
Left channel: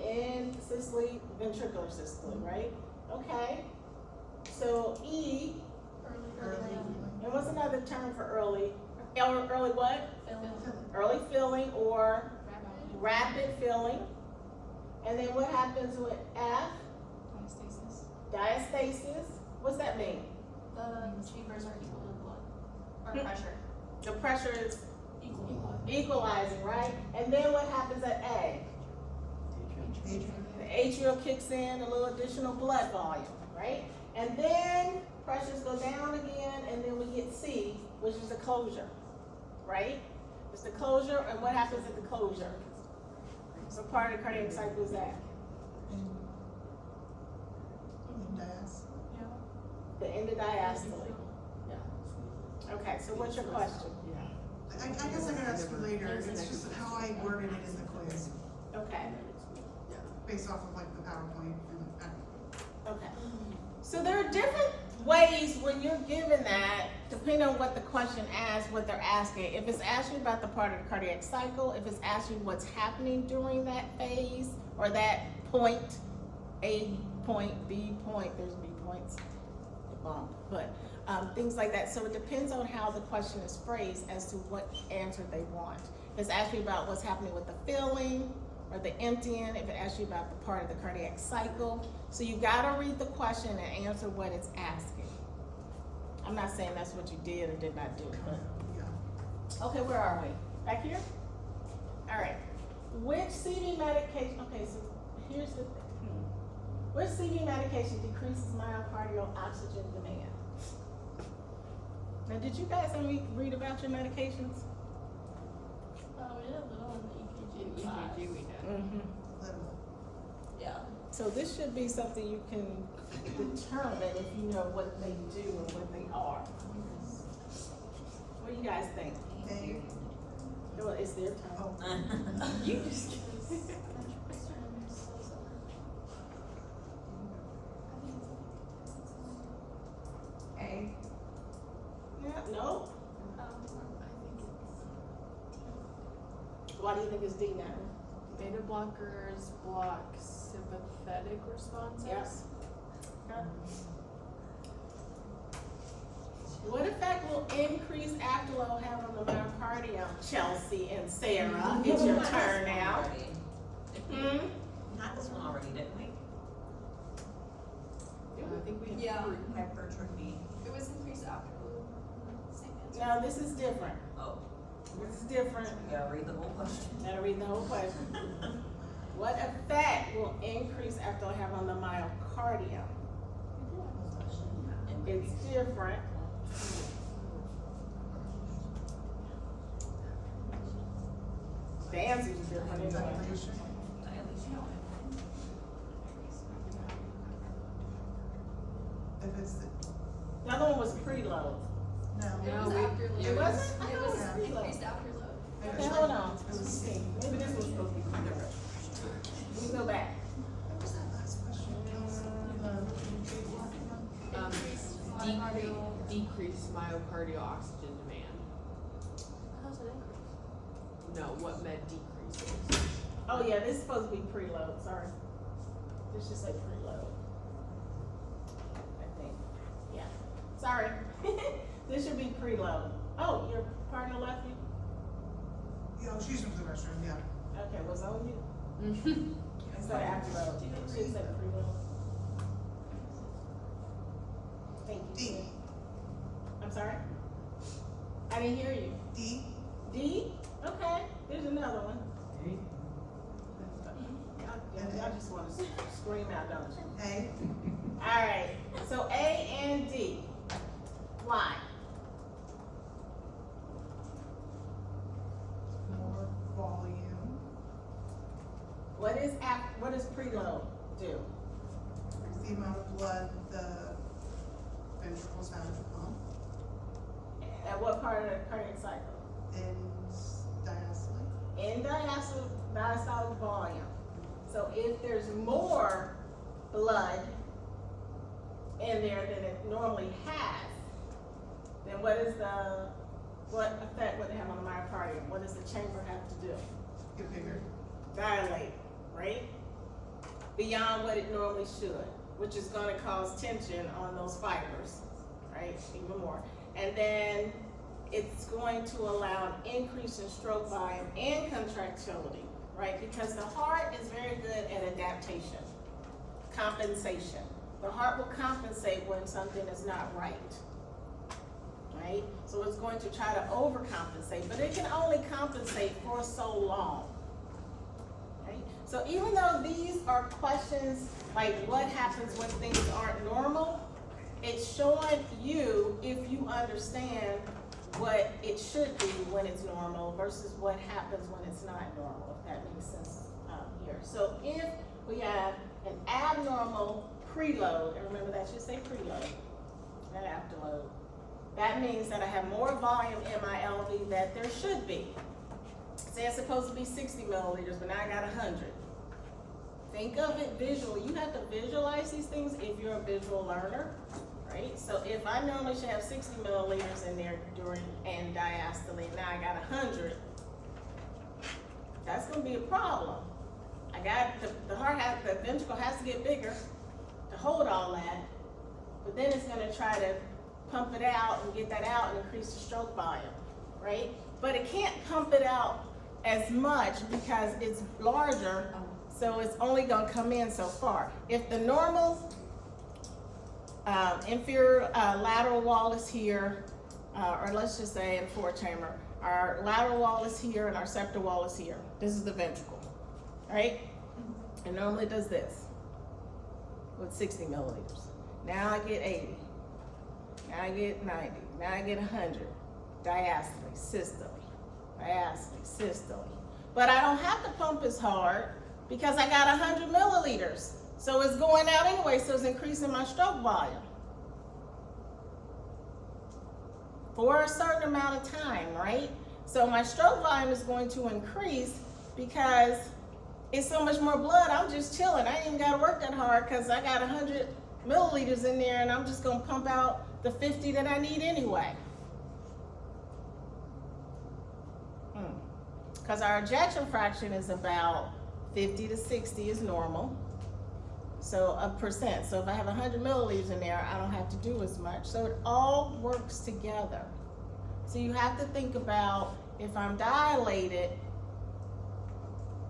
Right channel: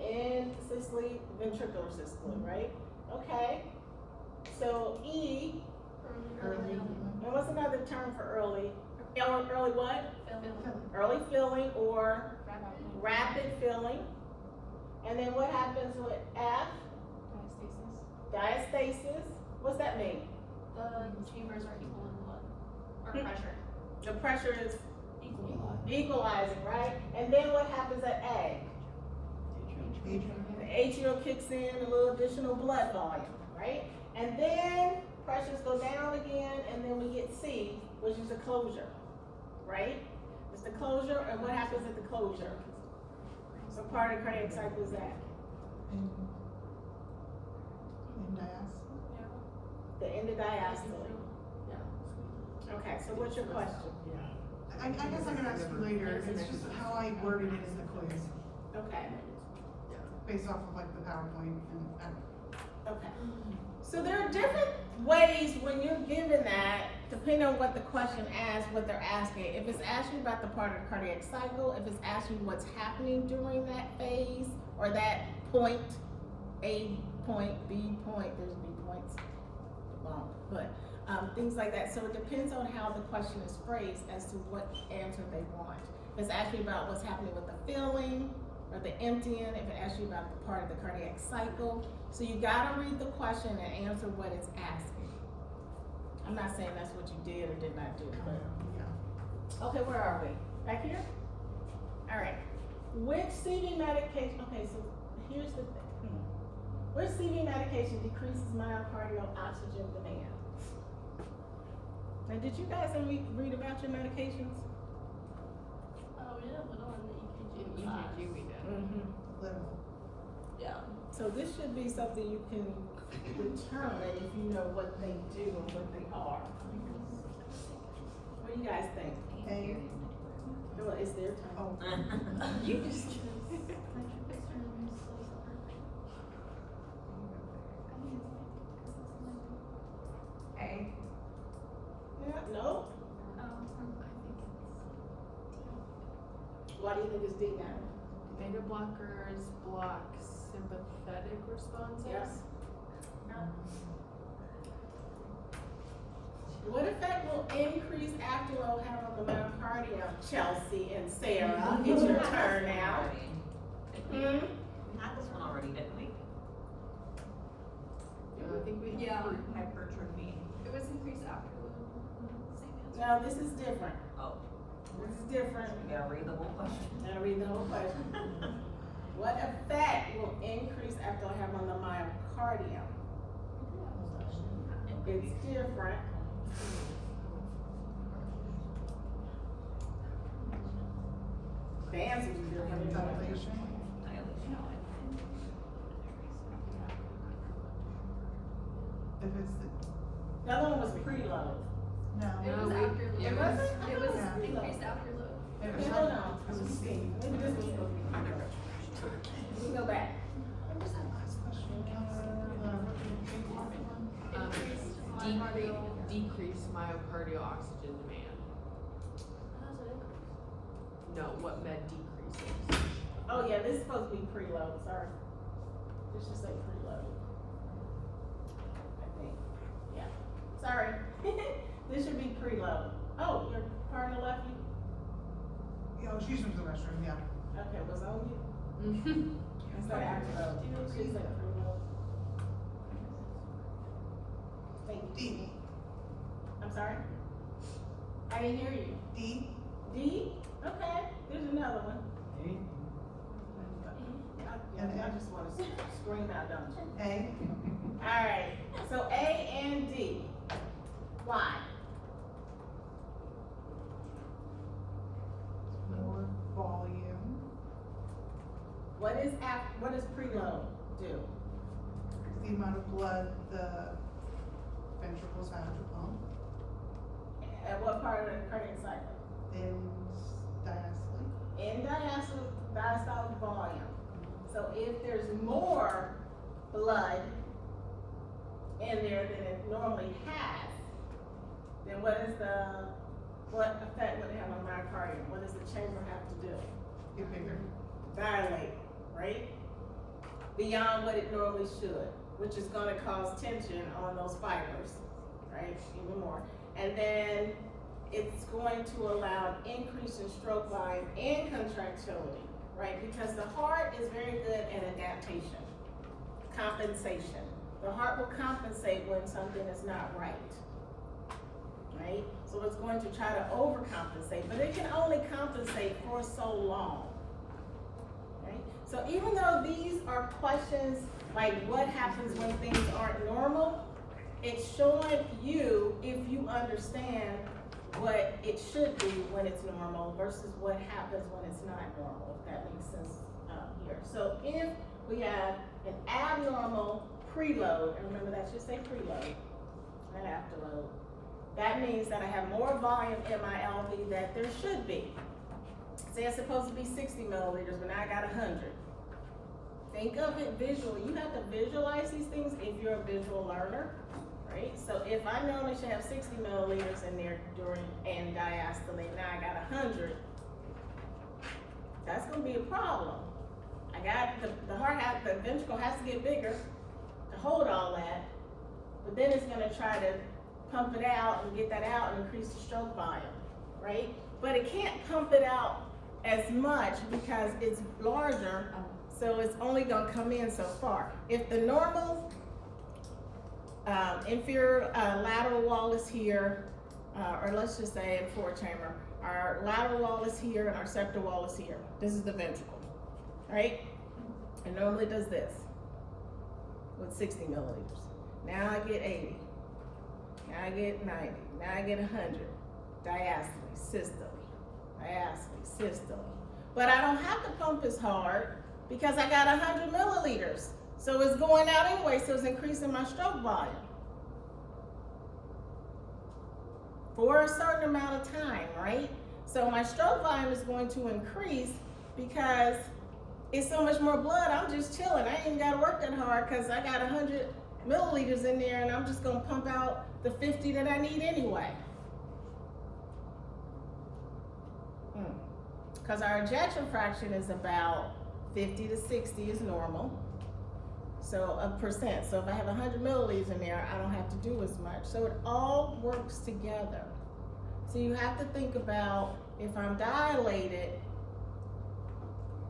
In systole, ventricular systole, right? Okay. So E, Early. and what's another term for early? Early what? Filling. Early filling or rapid filling. And then what happens with F? Diastasis. What's that mean? The chambers are equal in blood, or pressure. The pressure is Equal. equalizing, right? And then what happens at A? The atrial kicks in, a little additional blood volume, right? And then pressures go down again, and then we get C, which is the closure, right? It's the closure, and what happens at the closure? What part of the cardiac cycle is that? In diastole? The end of diastole. Okay, so what's your question? I guess I could ask you later, it's just how I worded it in the quiz, Okay, based off of like the PowerPoint and, okay. So there are different ways when you're given that, depending on what the question asks, what they're asking. If it's asking about the part of the cardiac cycle, if it's asking what's happening during that phase or that point, A point, B point, there's B points, but things like that. So it depends on how the question is phrased as to what answer they want. If it's asking about what's happening with the filling or the emptying, if it asks you about the part of the cardiac cycle. So you gotta read the question and answer what it's asking. I'm not saying that's what you did or did not do, but. yeah. Okay, where are we? Back here? All right. Which CV medication, okay, so here's the thing. Which CV medication decreases myocardial oxygen demand? Now, did you guys read about your medications? Oh, we did a little in the EKG. EKG we had. Mm-hmm. Little. Yeah. So this should be something you can determine if you know what they do or what they are. What do you guys think? A. Well, it's their turn. Oh. You just. A. Yeah, no? Why do you think it's D now? Beta blockers block sympathetic responses. Yes. What effect will increased afterload have on the myocardium? Chelsea and Sarah, it's your turn now. Hmm? Not this one already, didn't we? I think we Yeah. Hypertrophy. It was increased after the same answer. No, this is different. Oh, This is different. you gotta read the whole question. Gotta read the whole question. What effect will increased afterload have on the myocardium? It's different. The answers are different. isn't it? Dilation. I at least know it. If it's The other one was preload. no. It was No, after. we- It wasn't? I It thought was it was preload. increased after the. Okay, hold on. Let me see. Maybe this was supposed to be preload. Let me go back. What was that last question, Kelsey? Decrease myocardial oxygen demand. How's it increased? No, what med decreases? Oh yeah, this is supposed to be preload, sorry. This should say preload. I think, yeah, sorry. This should be preload. Oh, your partner left you? Oh, she's from the restroom, yeah. Okay, was on you? Instead of afterload. It should say preload. Thank you. D. I'm sorry? I didn't hear you. D. D? Okay, there's another one. Y'all just wanna scream out, don't you? A. Alright, so A and D. Why? What does preload do? The amount of blood the ventricles have to pump At what part of the cardiac cycle? in diastole. In diastolic volume. So if there's more blood in there than it normally has, then what effect would it have on the myocardium? What does the chamber have to do? Get bigger. Dilate, right? Beyond what it normally should, which is gonna cause tension on those fibers, right? Even more. And then it's going to allow an increase in stroke volume and contractility, right? Because the heart is very good at adaptation, compensation. The heart will compensate when something is not right, right? So it's going to try to overcompensate, but it can only compensate for so long, right? So even though these are questions like what happens when things aren't normal, it's showing you if you understand what it should be when it's normal versus what happens when it's not normal, if that makes sense here. So if we have an abnormal preload, and remember that should say preload, not afterload, that means that I have more volume in my LV that there should be. Say it's supposed to be 60 milliliters, but now I got 100. Think of it visually. You have to visualize these things if you're a visual learner, right? So if I normally should have 60 milliliters in there and diastole, now I got 100, that's gonna be a problem. I got the ventricle has to get bigger to hold all that, but then it's gonna try to pump it out and get that out and increase the stroke volume, right? But it can't pump it out as much because it's larger, so it's only gonna come in so far. If the normal inferior lateral wall is here, or let's just say in fourth chamber, our lateral wall is here and our septal wall is here. This is the ventricle, right? It normally does this with 60 milliliters. Now I get 80. Now I get 90. Now I get 100. Diastole, systole, diastole, systole. But I don't have to pump as hard because I got 100 milliliters. So it's going out anyway, so it's increasing my stroke volume for a certain amount of time, right? So my stroke volume is going to increase because it's so much more blood. I'm just chilling. I ain't even gotta work that hard because I got 100 milliliters in there and I'm just gonna pump out the 50 that I need anyway. Because our ejection fraction is about 50 to 60 is normal. So a percent. So if I have 100 milliliters in there, I don't have to do as much. So it all works together. So you have to think about if I'm dilated,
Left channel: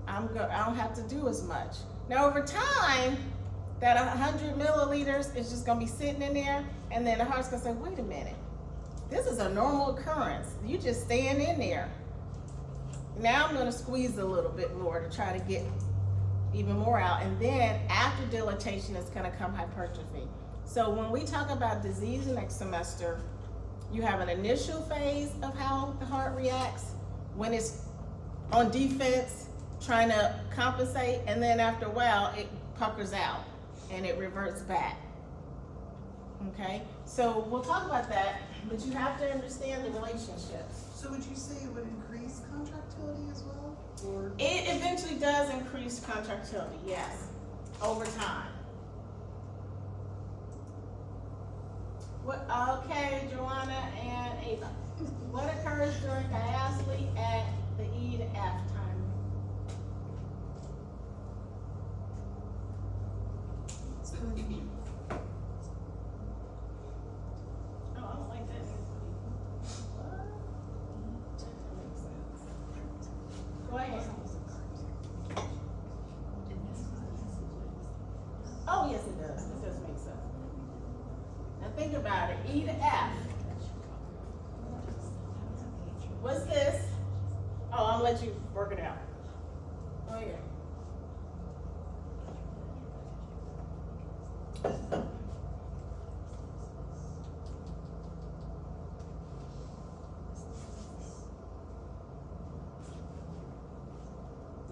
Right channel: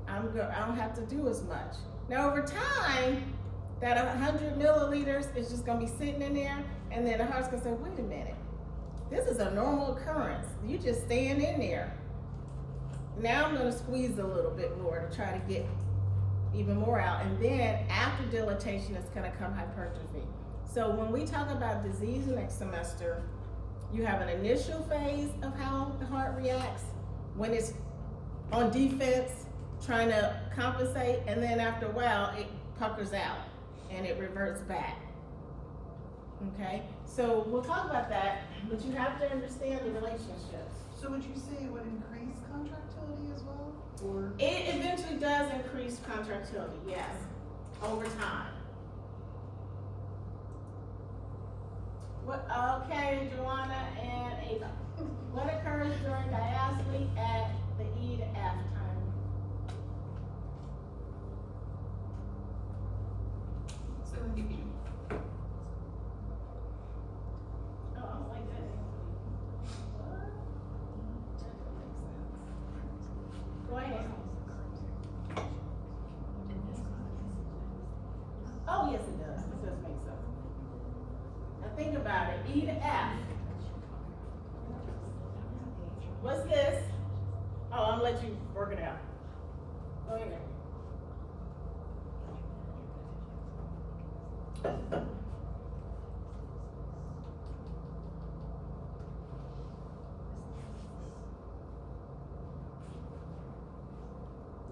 I don't have to do as much. Now over time, that 100 milliliters is just gonna be sitting in there, and then the heart's gonna say, wait a minute, this is a normal occurrence. You just staying in there. Now I'm gonna squeeze a little bit more to try to get even more out, and then after dilatation is gonna come hypertrophy. So when we talk about disease next semester, you have an initial phase of how the heart reacts when it's on defense, trying to compensate, and then after a while it puckers out and it reverts back. Okay, so we'll talk about that, but you have to understand the relationships. So would you say it would increase contractility as well, or? It eventually does increase contractility, yes, over time. Okay, Joanna and Ava. What occurs during diastole at the E to F time? Oh, I don't like that. What? That doesn't make sense. Go ahead. Oh, yes, it does. It does make sense. Now think about it. E to F. What's this? Oh, I'm gonna let you work it out. Go ahead.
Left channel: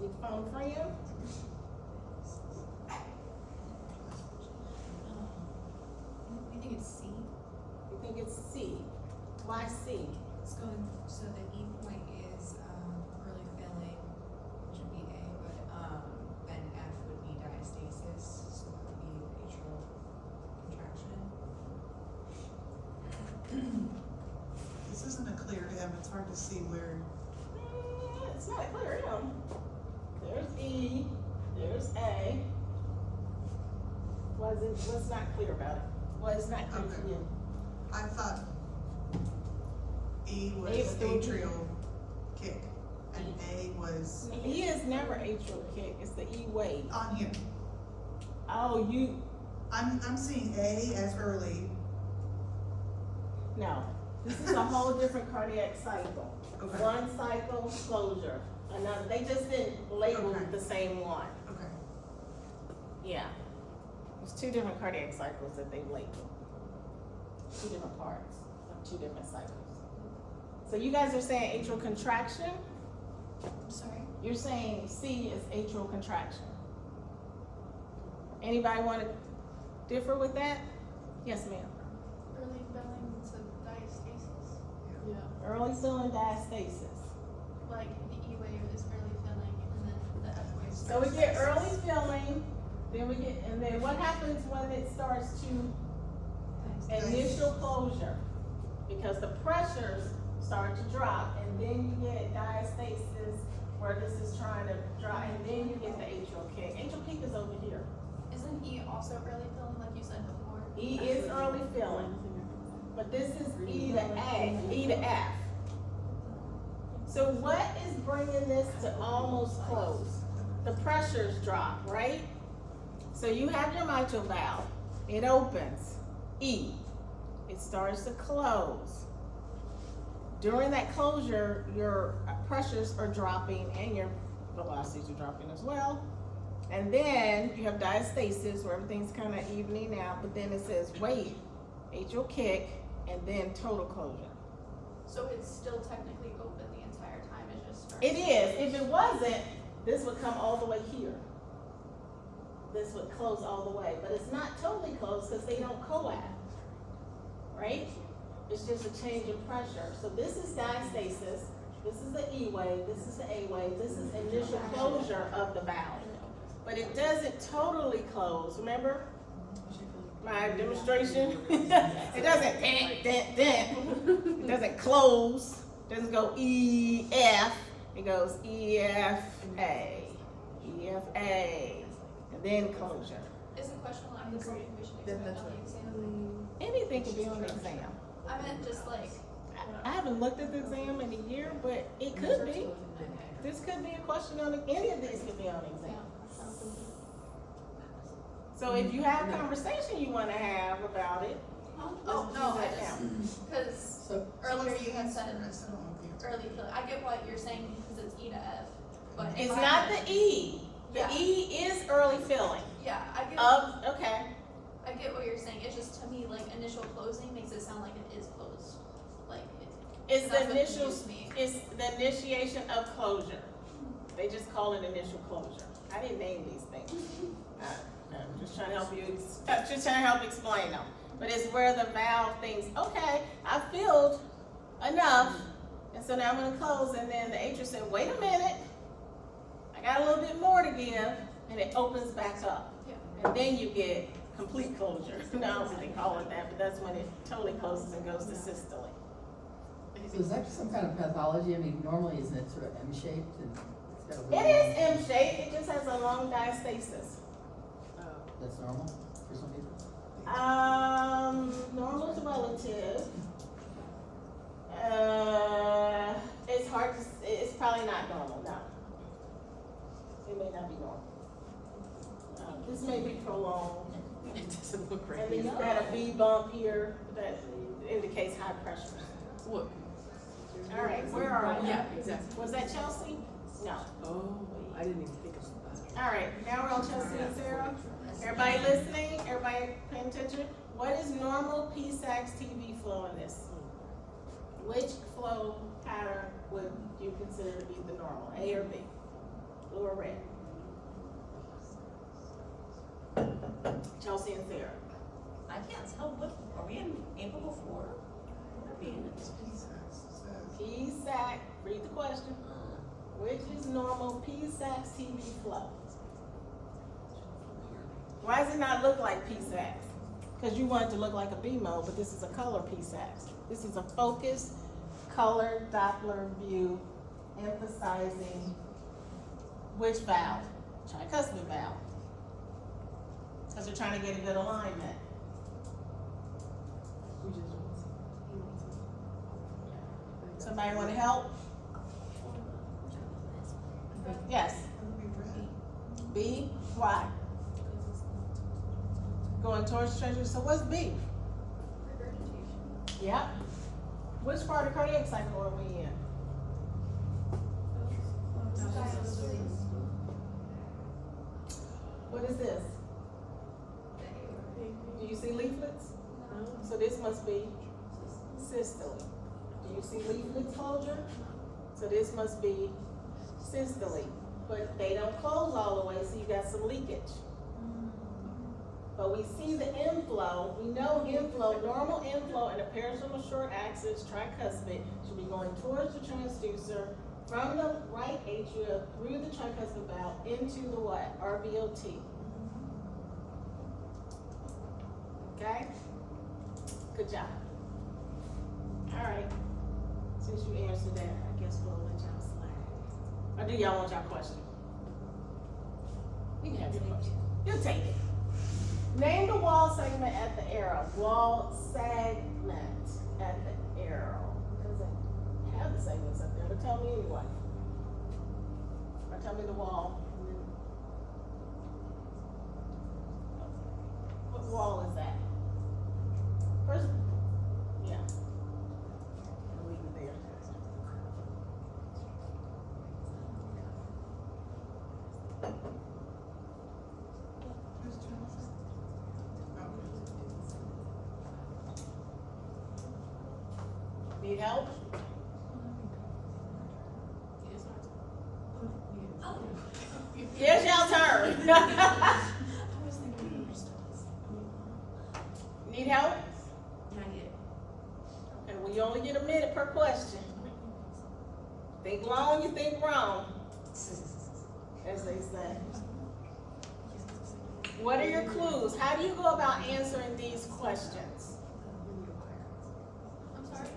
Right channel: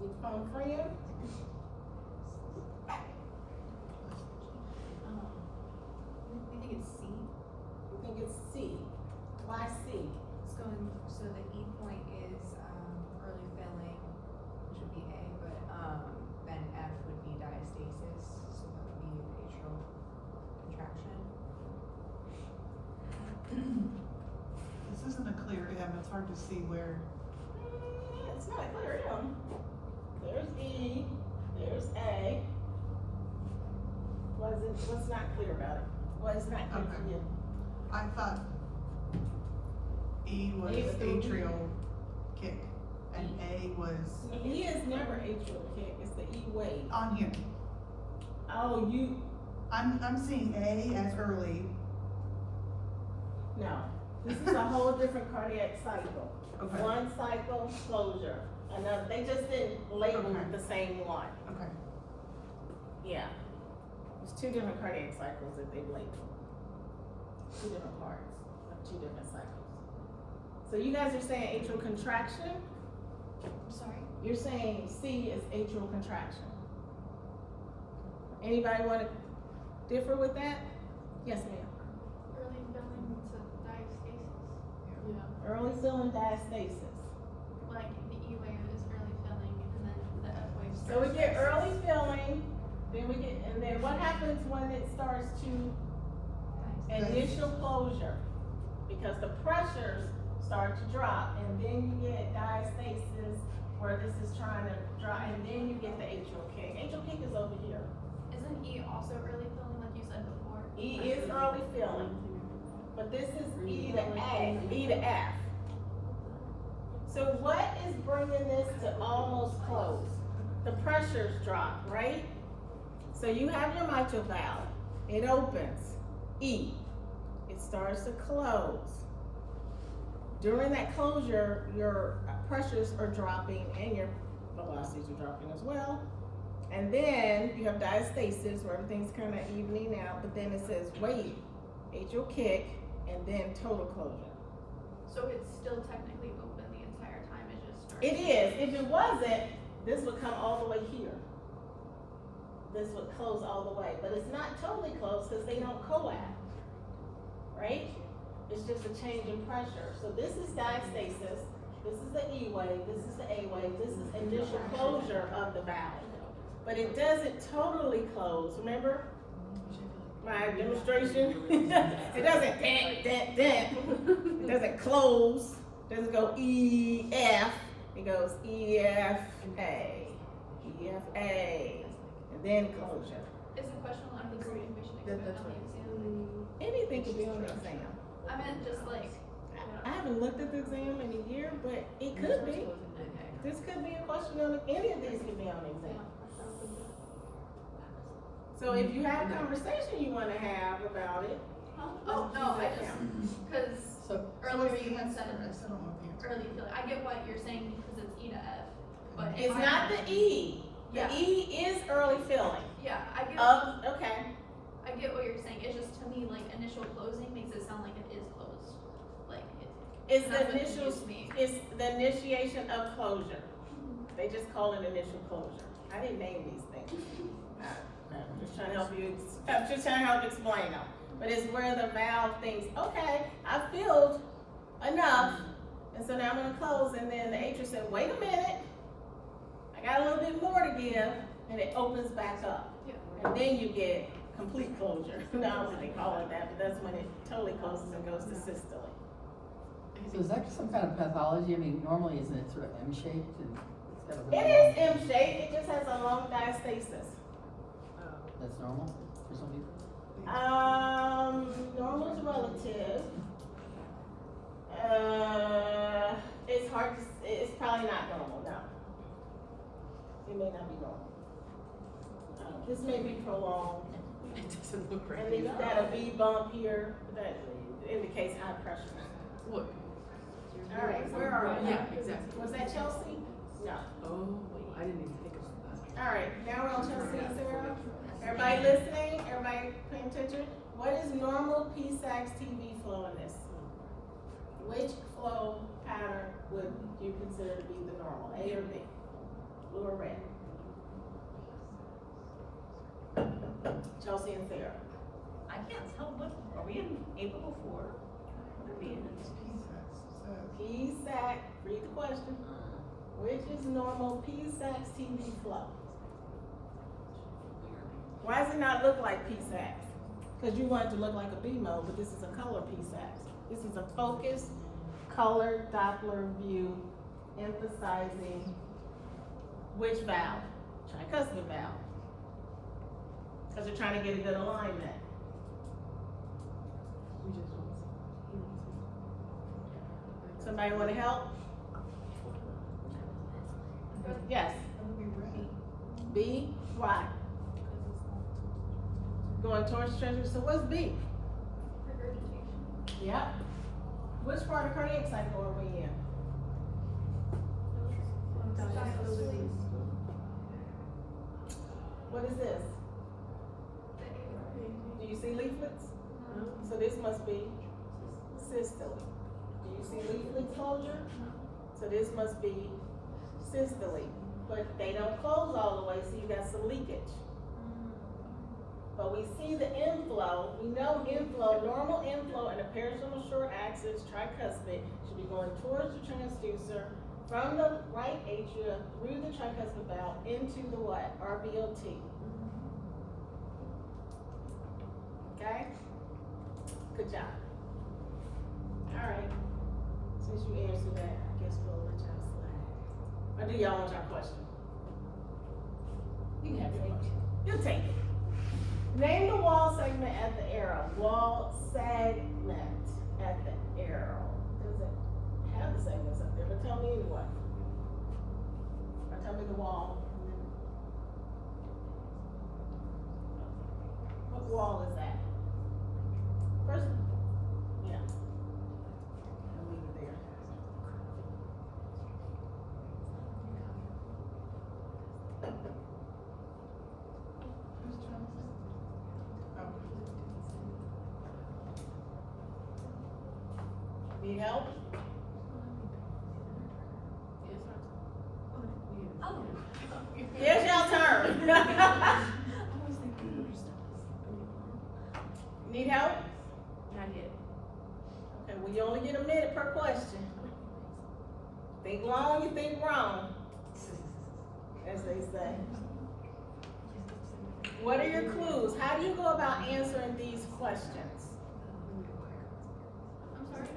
You phone for you. I think it's C. You think it's C. Why C? It's going, so the E point is, early filling, which would be A, but, then F would be diastasis, so that would be atrial contraction. This isn't a clear M, it's hard to see where, It's not a clear M. There's E, there's A. What's not clear about it? What is not clear for Okay. you? I thought E was A's through B. atrial kick, and A was E is never atrial kick, it's the E wave. on here. Oh, I'm seeing A as early. no. This is a whole different cardiac cycle. Okay. One cycle closure, another, they just didn't label Okay. the same one. Okay. Yeah. There's two different cardiac cycles that they labeled. Two different parts of two different cycles. So you guys are saying atrial contraction? I'm sorry. You're saying C is atrial contraction. Anybody wanna differ with that? Yes, ma'am. Early filling to diastasis. Early filling diastasis. Like the E wave is early filling and then the F wave. So we get early filling, and then what happens when it starts to initial closure? Because the pressures start to drop, and then you get diastasis, where this is trying to drop, and then you get the atrial kick. Atrial kick is over here. Isn't E also early filling like you said before? E is early filling, but this is E to A, E to F. So what is bringing this to almost close? The pressures drop, right? So you have your mitral valve, it opens, E, it starts to close. During that closure, your pressures are dropping and your velocities are dropping as well. And then you have diastasis where everything's kind of evening out, but then it says wait, atrial kick, and then total closure. So it's still technically open the entire time, it just starts. It is. If it wasn't, this would come all the way here. This would close all the way, but it's not totally closed because they don't coact, right? It's just a change in pressure. So this is diastasis, this is the E wave, this is the A wave, this is initial closure of the valve. But it doesn't totally close, remember? My demonstration? It doesn't dent. It doesn't close, doesn't go E, F, it goes E, F, A, E, F, A, and then closure. Is the question like this something we should expect on the exam? Anything could be on the exam. I meant just like, I haven't looked at the exam in a year, but it could be. This could be a question on, any of these could be on the exam. So if you have a conversation you wanna have about it, oh, no, I just, cause So earlier what's you the had answer? said I still don't know the answer. early filling, I get what you're saying because it's E to F, but. if it's I- not the E. The Yeah. E is early filling Yeah, I get, okay. I get what you're saying, it's just to me, like, initial closing makes it sound like it is closed, like, It's that's the what initial, confused me. it's the initiation of closure. They just call it initial closure. I didn't name these things. I'm just trying to help you, I'm just trying to help explain them. But it's where the valve thinks, okay, I filled enough, and so now I'm gonna close, and then the atrium said, wait a minute, I got a little bit more to give, and it opens back up. Yeah. And then you get complete closure. I don't think they call it that, but that's when it totally closes and goes to systole. So is that some kind of pathology? I mean, normally isn't it sort of M-shaped and it's got a It is M-shaped, it just has a long diastasis. That's normal for some people? Normal's relative. It's hard to, it's probably not normal, no. It may not be normal. This may be prolonged. It doesn't look right. And then you've got a V bump here that indicates high pressure. Look. All right, where are we? Yeah, exactly. Was that Chelsea? No. Oh, I didn't even think about that. All right, now we're on Chelsea and Sarah. Everybody listening? Everybody paying attention? What is normal P-Sax TV flow in this? Which flow pattern would you consider to be the normal, A or B? Blue or red? Chelsea and Sarah. I can't tell what, are we in April before? What are we in? PSAC, read the question. Which is normal PSAC's TV flow? Why does it not look like PSAC? Because you want it to look like a BMO, but this is a color PSAC. This is a focused, color Doppler view emphasizing which valve? Tricuspid valve. Because they're trying to get a good alignment. Somebody want to help? Yes. That would be red. B, why? Going towards the treasure, so what's B? Regurgitation. Yeah. Which part of cardiac cycle are we in? What is this? Do you see leaflets? So this must be systole. Do you see leaflet closure? So this must be systole. But they don't close all the way, so you got some leakage. But we see the inflow, we know inflow, normal inflow in the parasternal short axis tricuspid should be going towards the transducer from the right atria through the tricuspid valve into the what? RVOT. Okay? Good job. Alright. Since you answered that, I guess we'll let y'all slide. Or do y'all want y'all question? You can have your question. You'll take it. Name the wall segment at the arrow. Wall segment at the arrow. It doesn't have the segments up there, but tell me anyway. Or tell me the wall. What wall is that? First, yeah. I'll leave it there. Who's turn is it? Oh. Need help? Here's y'all turn. Need help? Not yet. Okay, well, you only get a minute per question. Think long, you think wrong, as they say. What are your clues? How do you go about answering these questions? I'm sorry?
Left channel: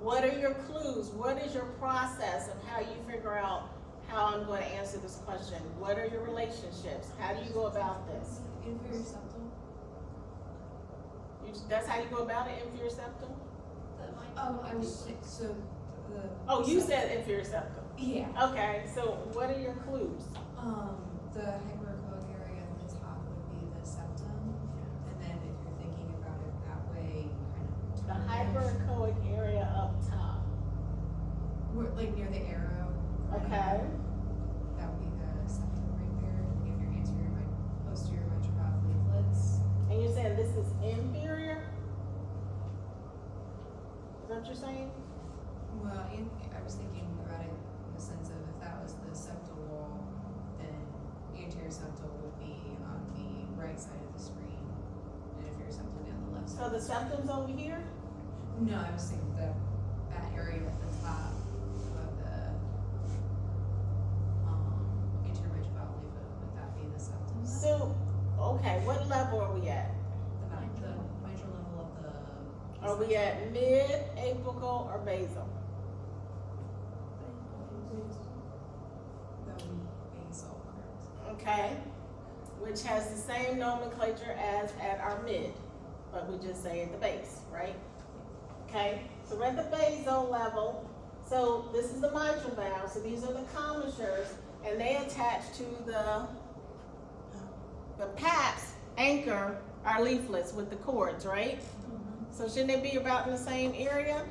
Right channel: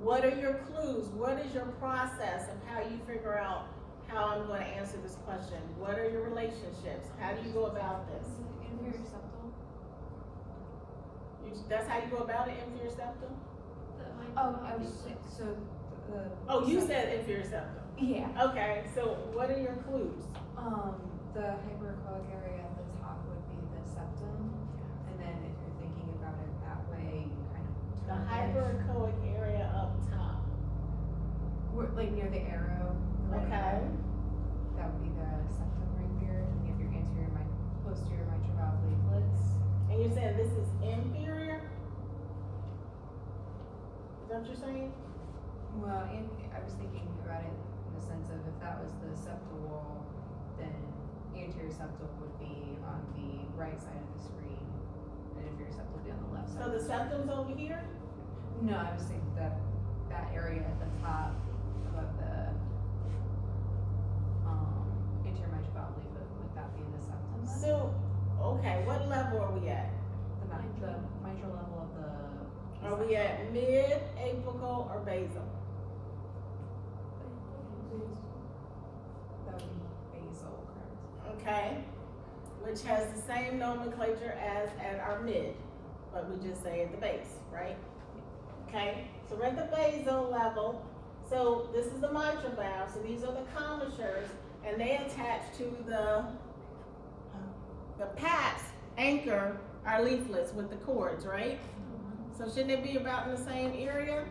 What are your clues? What is your process of how you figure out how I'm going to answer this question? What are your relationships? How do you go about this? Inferior septal. That's how you go about it, inferior septum? Oh, I was, so the. Oh, you said inferior septum. Yeah, Okay, so what are your clues? the hyperechoic area at the top would be the septum, and then if you're thinking about it that way, you kind of. The turn it. hyperechoic area up top. Like near the arrow. right? Okay. That would be the septum right there, and if you're anterior, posterior mitral leaflets. And you're saying this is inferior? Is that what you're saying? Well, and I was thinking about it in the sense of if that was the septal wall, then anterior septal would be on the right side of the screen, and inferior septal would be on the left So side. the septum's over here? No, I was thinking that area at the top of the, anterior mitral leaflet, would that be the septum? then? So, okay, what level are we at? The mitral level of the. Are we at mid, apical, or basal? That would be basal, correct? Okay, which has the same nomenclature as at our mid, but we just say at the base, right? Okay, so we're at the basal level. So this is the mitral valve, so these are the commissures, and they attach to the paps anchor our leaflets with the cords, right? So shouldn't it be about in the same area?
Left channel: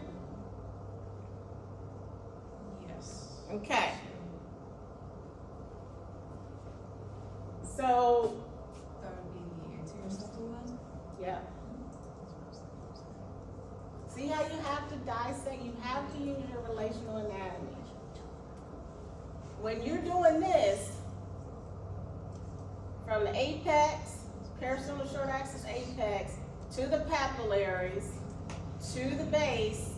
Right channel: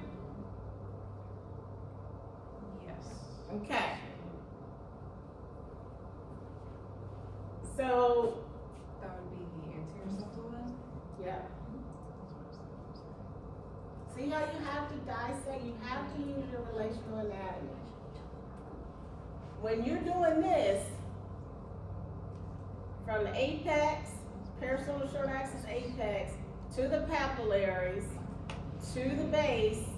Yes. Okay. So, That would be the anterior septal one? yeah. See how you have to dissect, you have to use your relational anatomy. When you're doing this, from the apex, parasternal short axis apex, to the papillaries, to the base,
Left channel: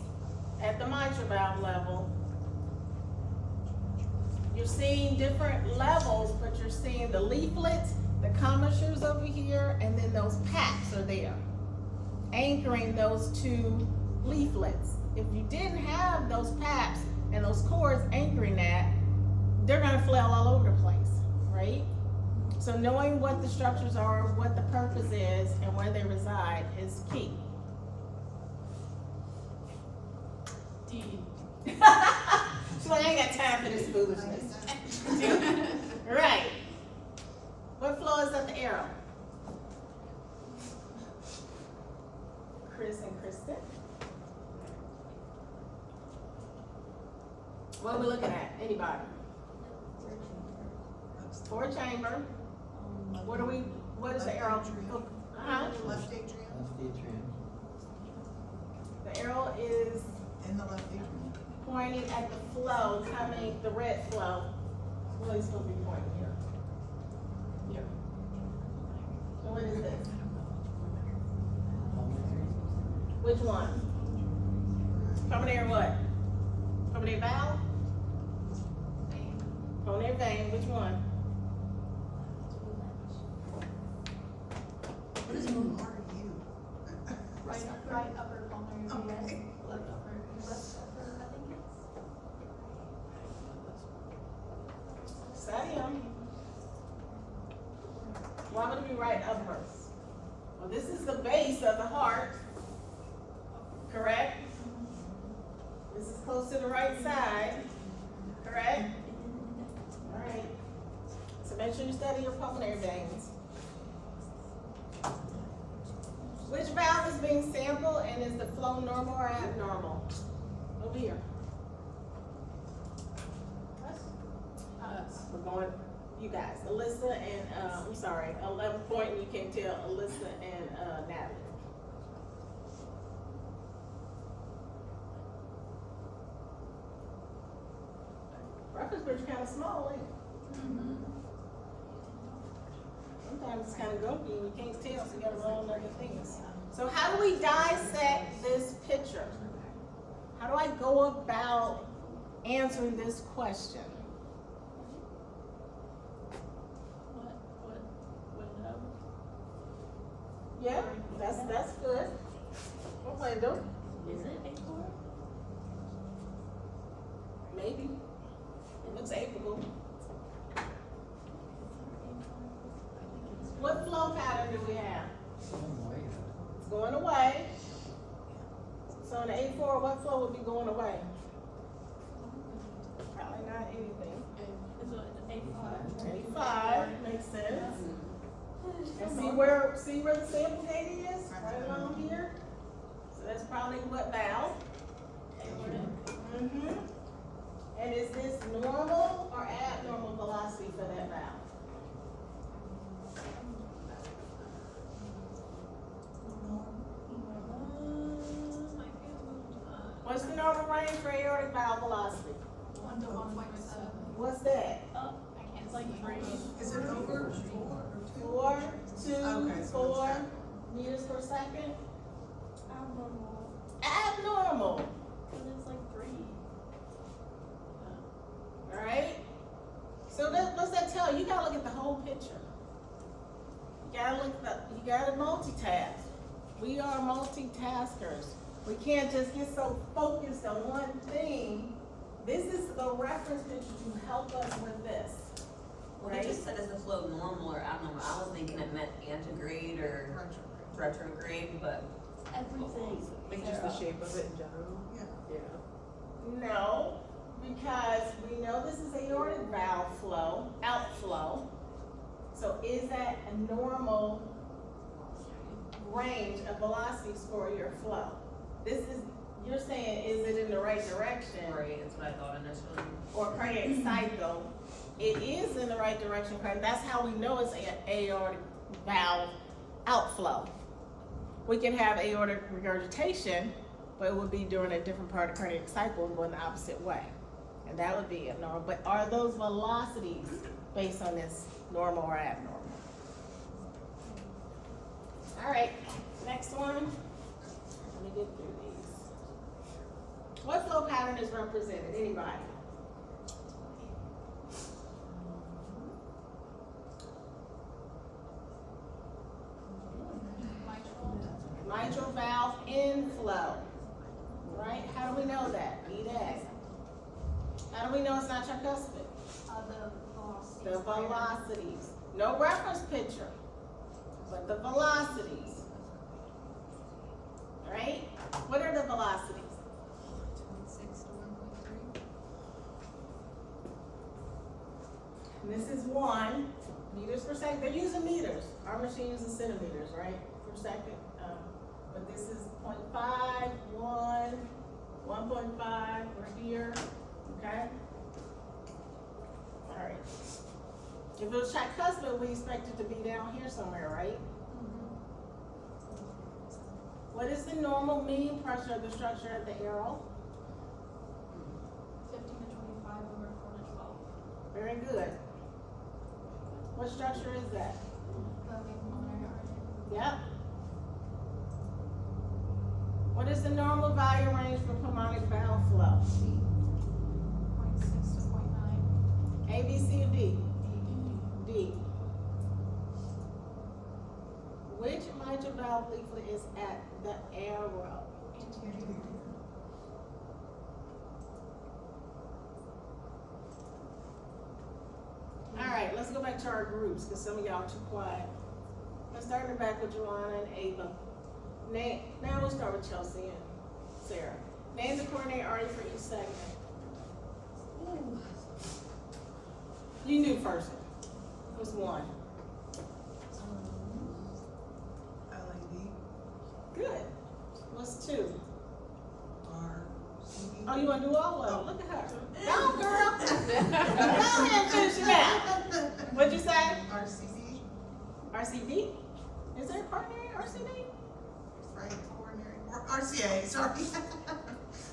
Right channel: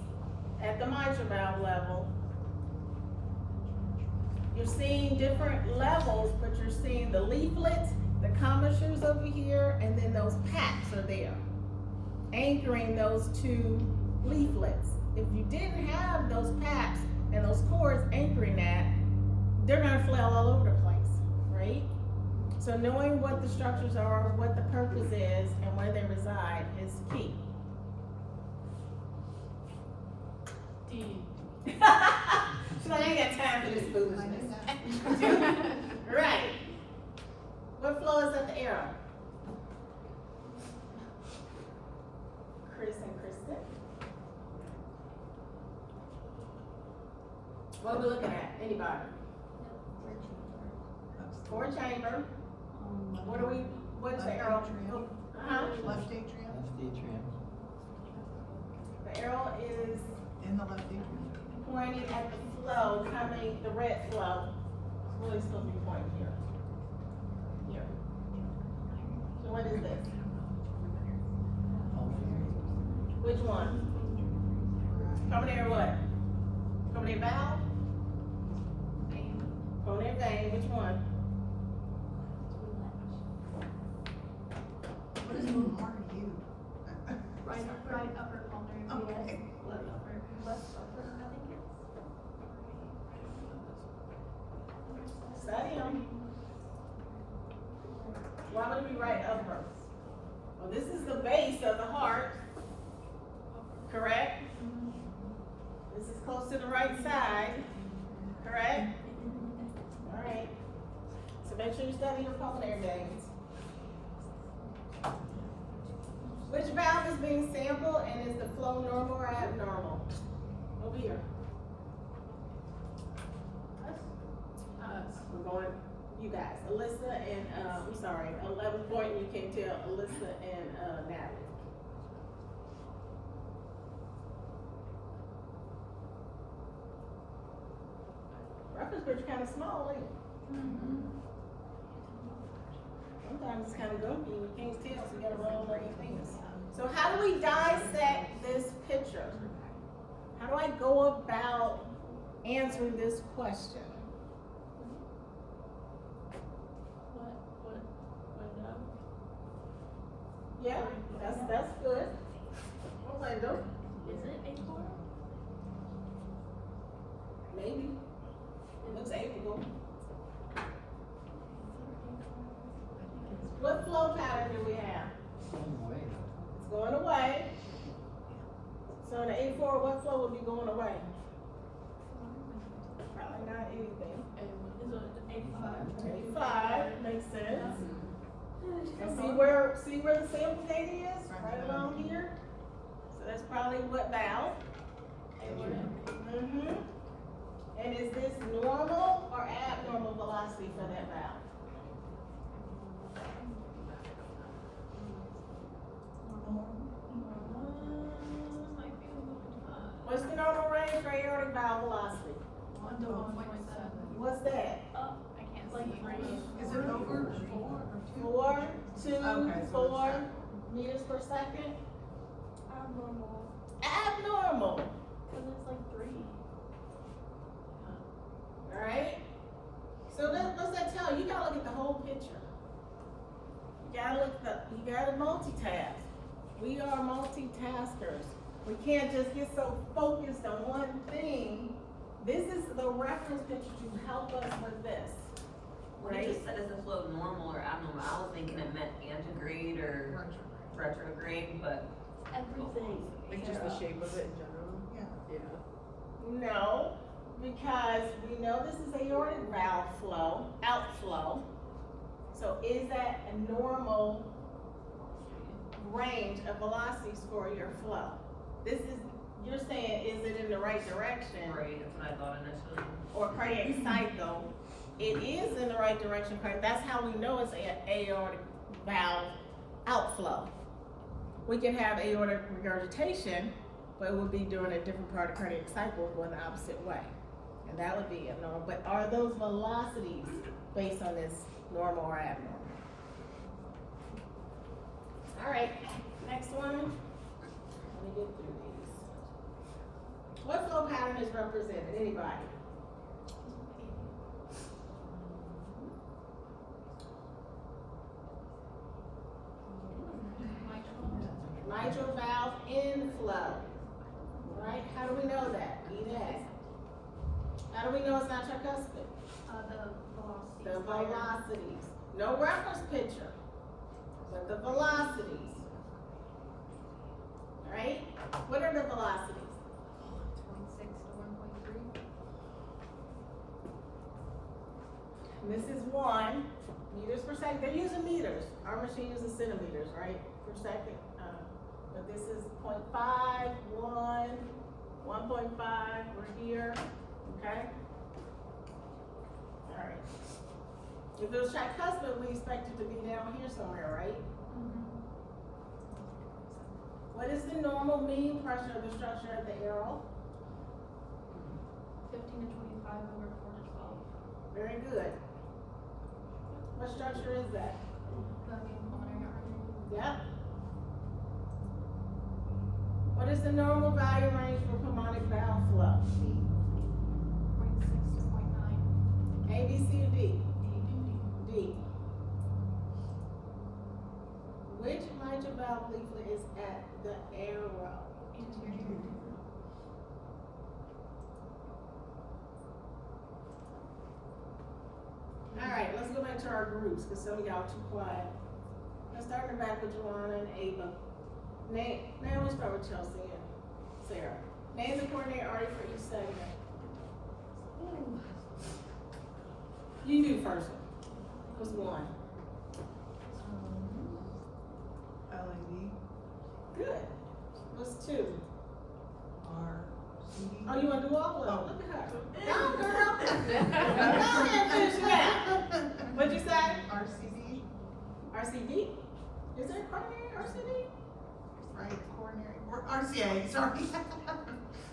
at the mitral valve level. You're seeing different levels, but you're seeing the leaflets, the commissures over here, and then those packs are there, anchoring those two leaflets. If you didn't have those packs and those cords anchoring that, they're gonna flail all over the place, right? So knowing what the structures are, what the purpose is, and where they reside is key. D. She's like, I ain't got time for this foolishness. Right. What flow is at the arrow? Chris and Kristen. What are we looking at? Anybody? Four chamber. What is the arrow? Uh-huh. Left atrium, Left atrium. The arrow is in the left atrium. pointing at the flow coming, the red flow. It's really supposed to be pointing here. Here. So what is this? Which one? Pulmonary what? Pulmonary valve? Pulmonary vein, which one? What is RU? Right upper pulmonary Okay. vein, left upper, left upper, I think it's. Study them. Why would it be right upper? Well, this is the base of the heart, correct? This is close to the right side, correct? All right. So make sure you study your pulmonary veins. Which valve is being sampled, and is the flow normal or abnormal? Over here. We're going, you guys, Alyssa and, I'm sorry, 11 point, you can't tell Alyssa and, Natalie. Reference bridge kind of small, ain't it? Mm-hmm. Sometimes it's kind of gunky and you can't tell, so you gotta roll other things. So how do we dissect this picture? How do I go about answering this question? Yeah, that's good. What window? Is it A4? Maybe. It looks apical. What flow pattern do we have? It's going away. So in the A4, what flow would be going away? Probably not anything. A5 makes sense. And see where the sample data is? Right along here. So that's probably what valve? Mm-hmm. And is this normal or abnormal velocity for that valve? What's the normal range for aortic valve velocity? 1 to 1.7. What's that? I can't like three. Is it over 4 or 2? 4, 2, Okay, so 4 it's meters per second? Abnormal. Abnormal, But it's like 3. alright? So what's that tell you? You gotta look at the whole picture. You gotta multitask. We are multitaskers. We can't just get so focused on one thing. This is the reference picture to help us with this. What it just said is the flow normal or abnormal. I was thinking it meant antegrade or retrograde, but. Everything. It's just the shape of it in general. Yeah. Yeah. No, because we know this is aortic valve flow, outflow. So is that a normal range of velocities for your flow? This is, you're saying, is it in the right direction? Right, that's what I thought initially. Or cardiac cycle? It is in the right direction, that's how we know it's aortic valve outflow. We can have aortic regurgitation, but it would be during a different part of cardiac cycle going the opposite way. And that would be abnormal, but are those velocities based on this normal or abnormal? Alright, next one. Let me get through these. What flow pattern is represented? Anybody? Mitral valve inflow. Right? How do we know that? Read that. How do we know it's not tricuspid? The velocities. No reference picture, but the velocities. Right? What are the velocities? 0.6 to 1.3. And this is 1 meters per second. They're using meters. Our machine uses centimeters, right? Per second. But this is 0.5, 1, 1.5. We're here. Okay? All right. If it was tricuspid, we expect it to be down here somewhere, right? What is the normal mean pressure of the structure of the arrow? 15 to 25 over 4 to 12. Very good. What structure is that? Yep. What is the normal volume range for pulmonic valve flow? 0.6 to 0.9. A, B, C, or D? D. Which mitral valve leaflet is at the arrow? Alright, let's go back to our groups, because some of y'all too quiet. Let's start in the back with Joanna and Ava. Now we'll start with Chelsea and Sarah. Name the coronary artery for each segment. Ooh. You do first. What's one? LAD, Good. What's two? RCD. Oh, you wanna do all of them? Oh. Look at her. Go, girl. Go ahead and finish it out. What'd you say? RCD, RCD? Is there a coronary RCD? right, coronary, or RCA, sorry.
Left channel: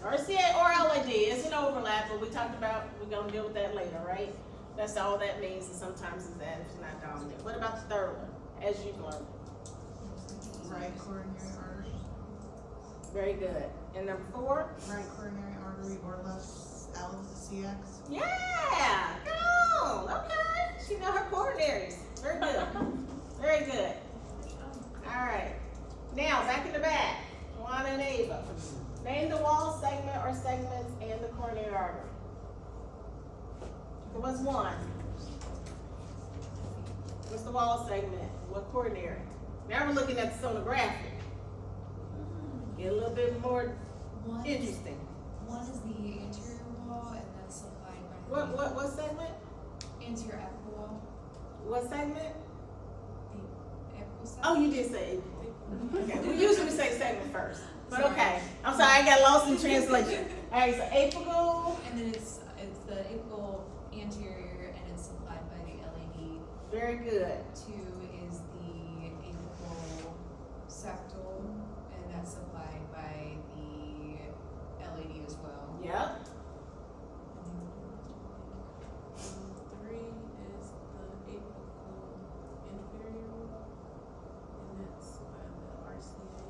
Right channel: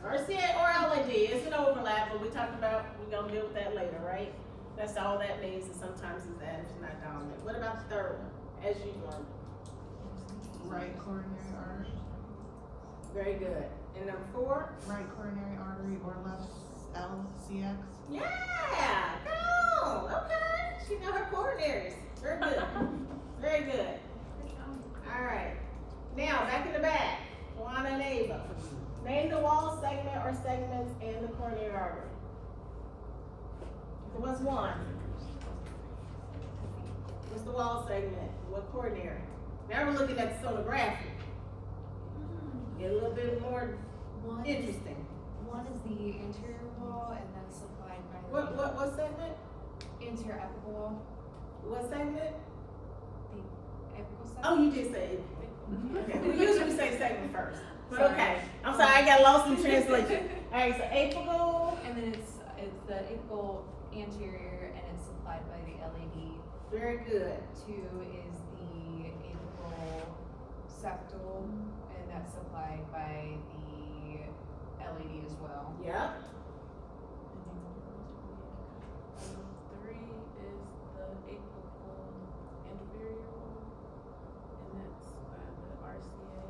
RCA or LAD, it's an overlap, but we talked about, we're gonna deal with that later, right? That's all that means, and sometimes it's that if it's not dominant. What about the third one, as you learned? Right coronary artery, Very good. And number 4? right coronary artery or left LCX. Yeah, come on, okay. She know her coronaries. Very good. Very good. All right. Now, back in the back, Joanna and Ava. Name the wall segment or segments in the coronary artery. There was one. What's the wall segment? What coronary? Now we're looking at the sonographic. Get a little bit more interesting. One is the anterior wall and then supplied by What segment? anterior apical wall, What segment? the apical side. Oh, you did say it. Okay, we usually say segment first, but okay. I'm sorry, I got lost in translation. All right, so apical. And then it's the apical anterior and it's supplied by the LAD. Very good. 2 is the apical septal and that's supplied by the LAD as well. Yep. 3 is the apical inferior wall, and that's by the RCA.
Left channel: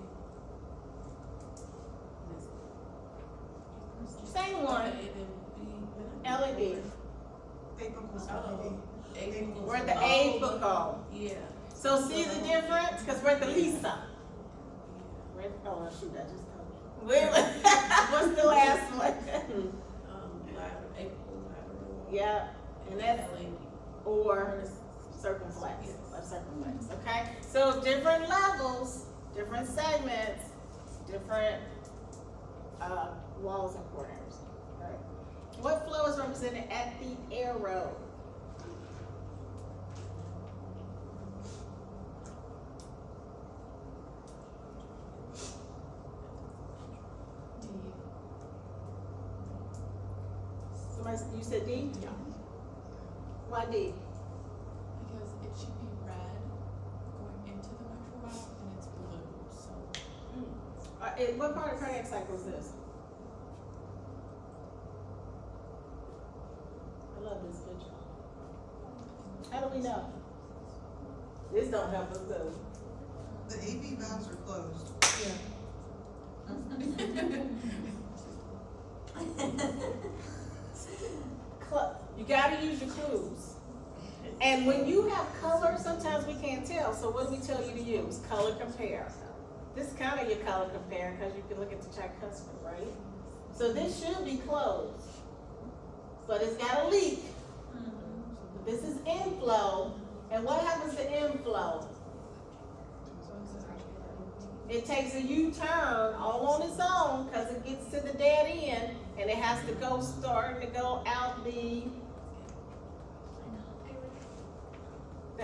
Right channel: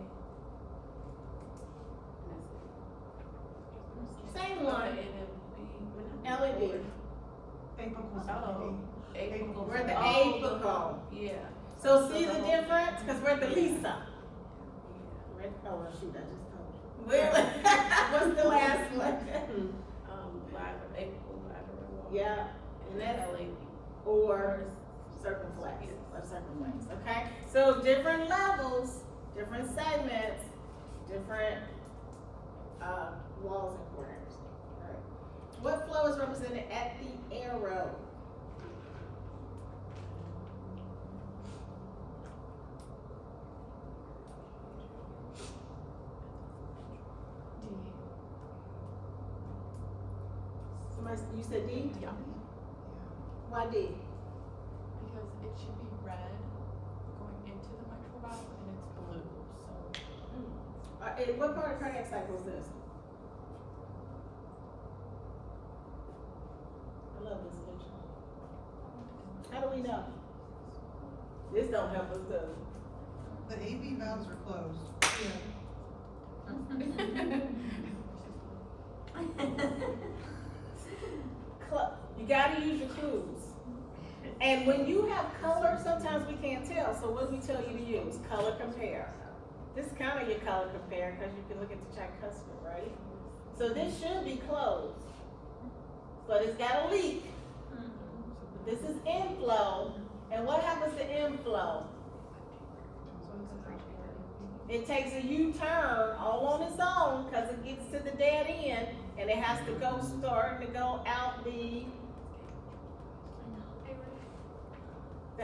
And that's Same one. Okay, then B. LAD. Apical's Oh, LAD. apical. We're the Oh, apical. Yeah. So see the difference? Because we're the Lisa. Oh, shoot, I just told you. What's the last one? Lateral, apical lateral wall. Yeah, and that's LAD. or circumflex, or circumflex, okay? So different levels, different segments, different walls and corners. All right. What flow is represented at the arrow? Somebody, you said D? Yeah. Why D? Because it should be red going into the mitral valve and it's blue, so. What part of cardiac cycle is this? I love this picture. How do we know? This don't help us though. The AV valves are closed. You gotta use your clues. And when you have color, sometimes we can't tell, so what do we tell you to use? Color compare. This is kind of your color compare, because you can look at the tricuspid, right? So this should be closed, but it's got a leak. This is inflow, and what happens to inflow? It takes a U-turn all on its own, because it gets to the dead end, and it has to go, starting to go out the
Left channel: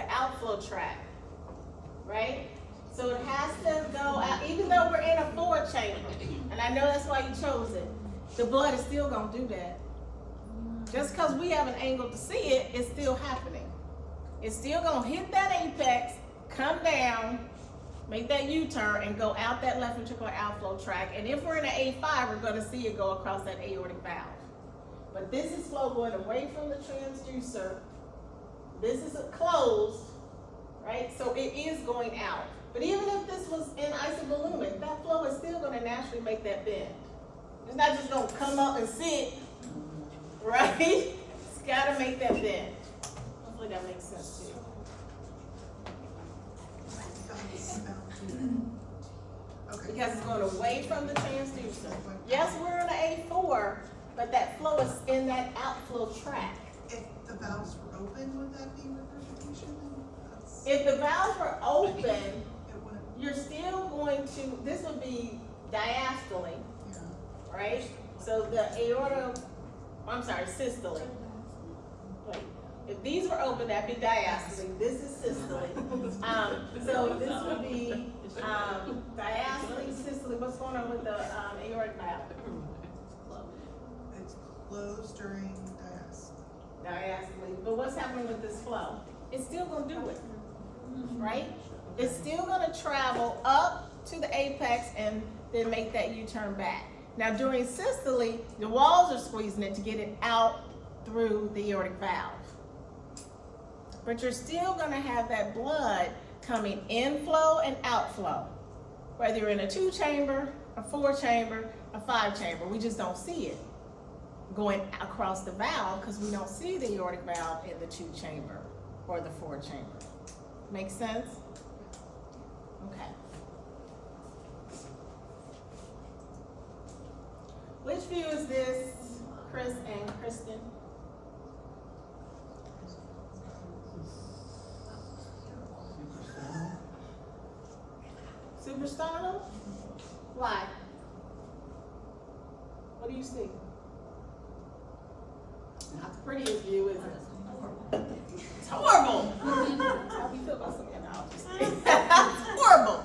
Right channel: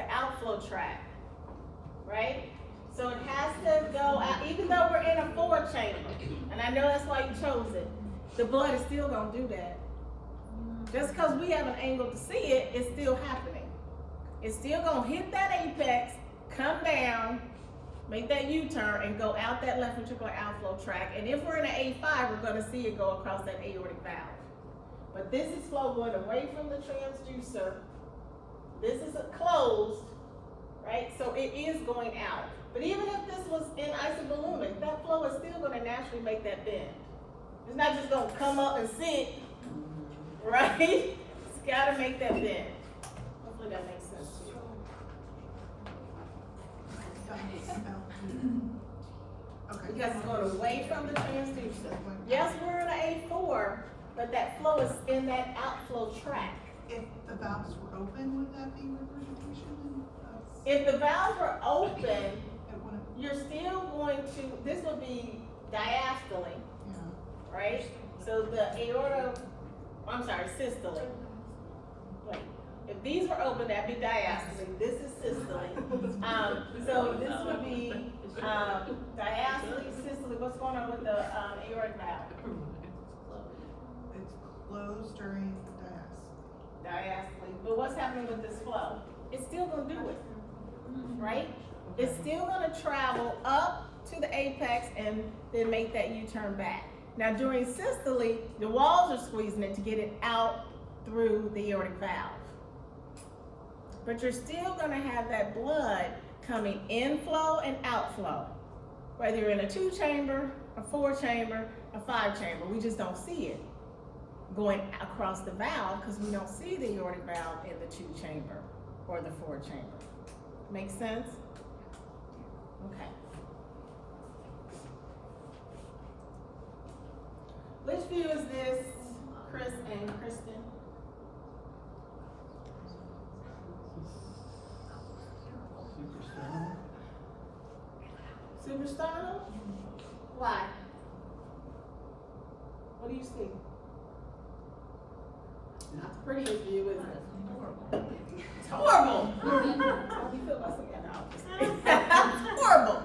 outflow tract, right? So it has to go out, even though we're in a 4-chamber, and I know that's why you chose it, the blood is still gonna do that. Just because we have an angle to see it, it's still happening. It's still gonna hit that apex, come down, make that U-turn, and go out that left ventricular outflow tract. And if we're in an A5, we're gonna see it go across that aortic valve. But this is flow going away from the transducer. This is closed, right? So it is going out. But even if this was in isoballooning, that flow is still gonna naturally make that bend. It's not just gonna come up and sit, right? It's gotta make that bend. Hopefully that makes sense to you. Okay. Because it's going away from the transducer. Yes, we're in an A4, but that flow is in that outflow tract. If the valves were open, would that be regurgitation? If the valves are open, It wouldn't, you're still going to, this would be diastole, yeah. right? So the systole. Wait, if these were open, that'd be diastole. This is systole. So this would be diastole, systole. What's going on with the aortic valve? It's closed during Diastole. But what's happening with this flow? It's still gonna do it, right? It's still gonna travel up to the apex and then make that U-turn back. Now during systole, the walls are squeezing it to get it out through the aortic valve. But you're still gonna have that blood coming inflow and outflow. Whether you're in a 2-chamber, a 4-chamber, a 5-chamber, we just don't see it going across the valve because we don't see the aortic valve in the 2-chamber or the 4-chamber. Make sense? Okay. Which view is this, Chris and Kristen? Suprasternal? Why? What do you see? Not the prettiest view, is it? It's horrible. How do you feel about some endocrinologists? It's horrible.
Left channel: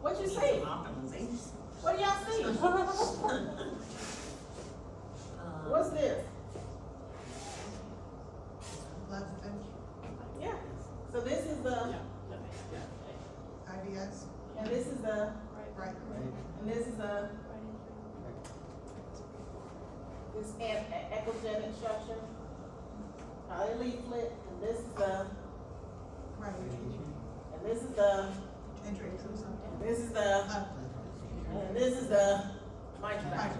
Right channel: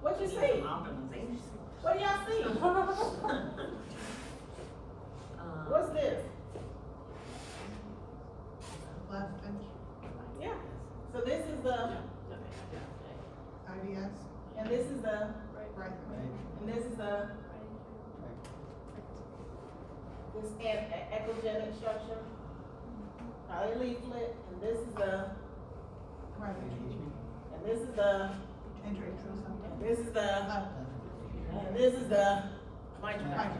What you see? What do y'all see? What's this? left ventricle, Yeah. So this is the, IVS, and this is the, right, and this is the, this echogenic structure. Probably leaflet, and this is the, right, and this is the, intravenous, and this is the, left, and this is the mitral right, valve.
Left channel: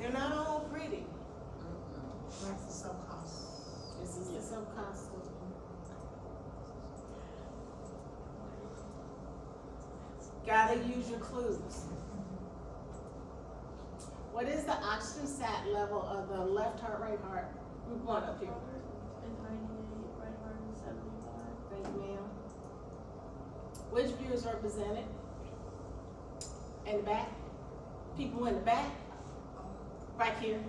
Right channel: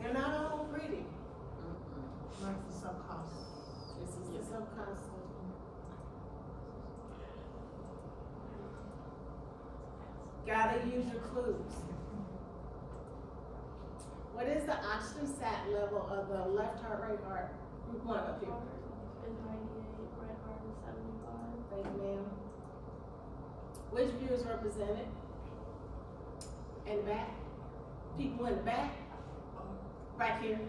They're not all pretty. that's the subcos. This is the subconstant. Gotta use your clues. What is the oxygen sat level of the left heart, right heart? One up here. It's 98, right heart is 75. Thank you, ma'am. Which view is represented? In the back? People in the back? Right here.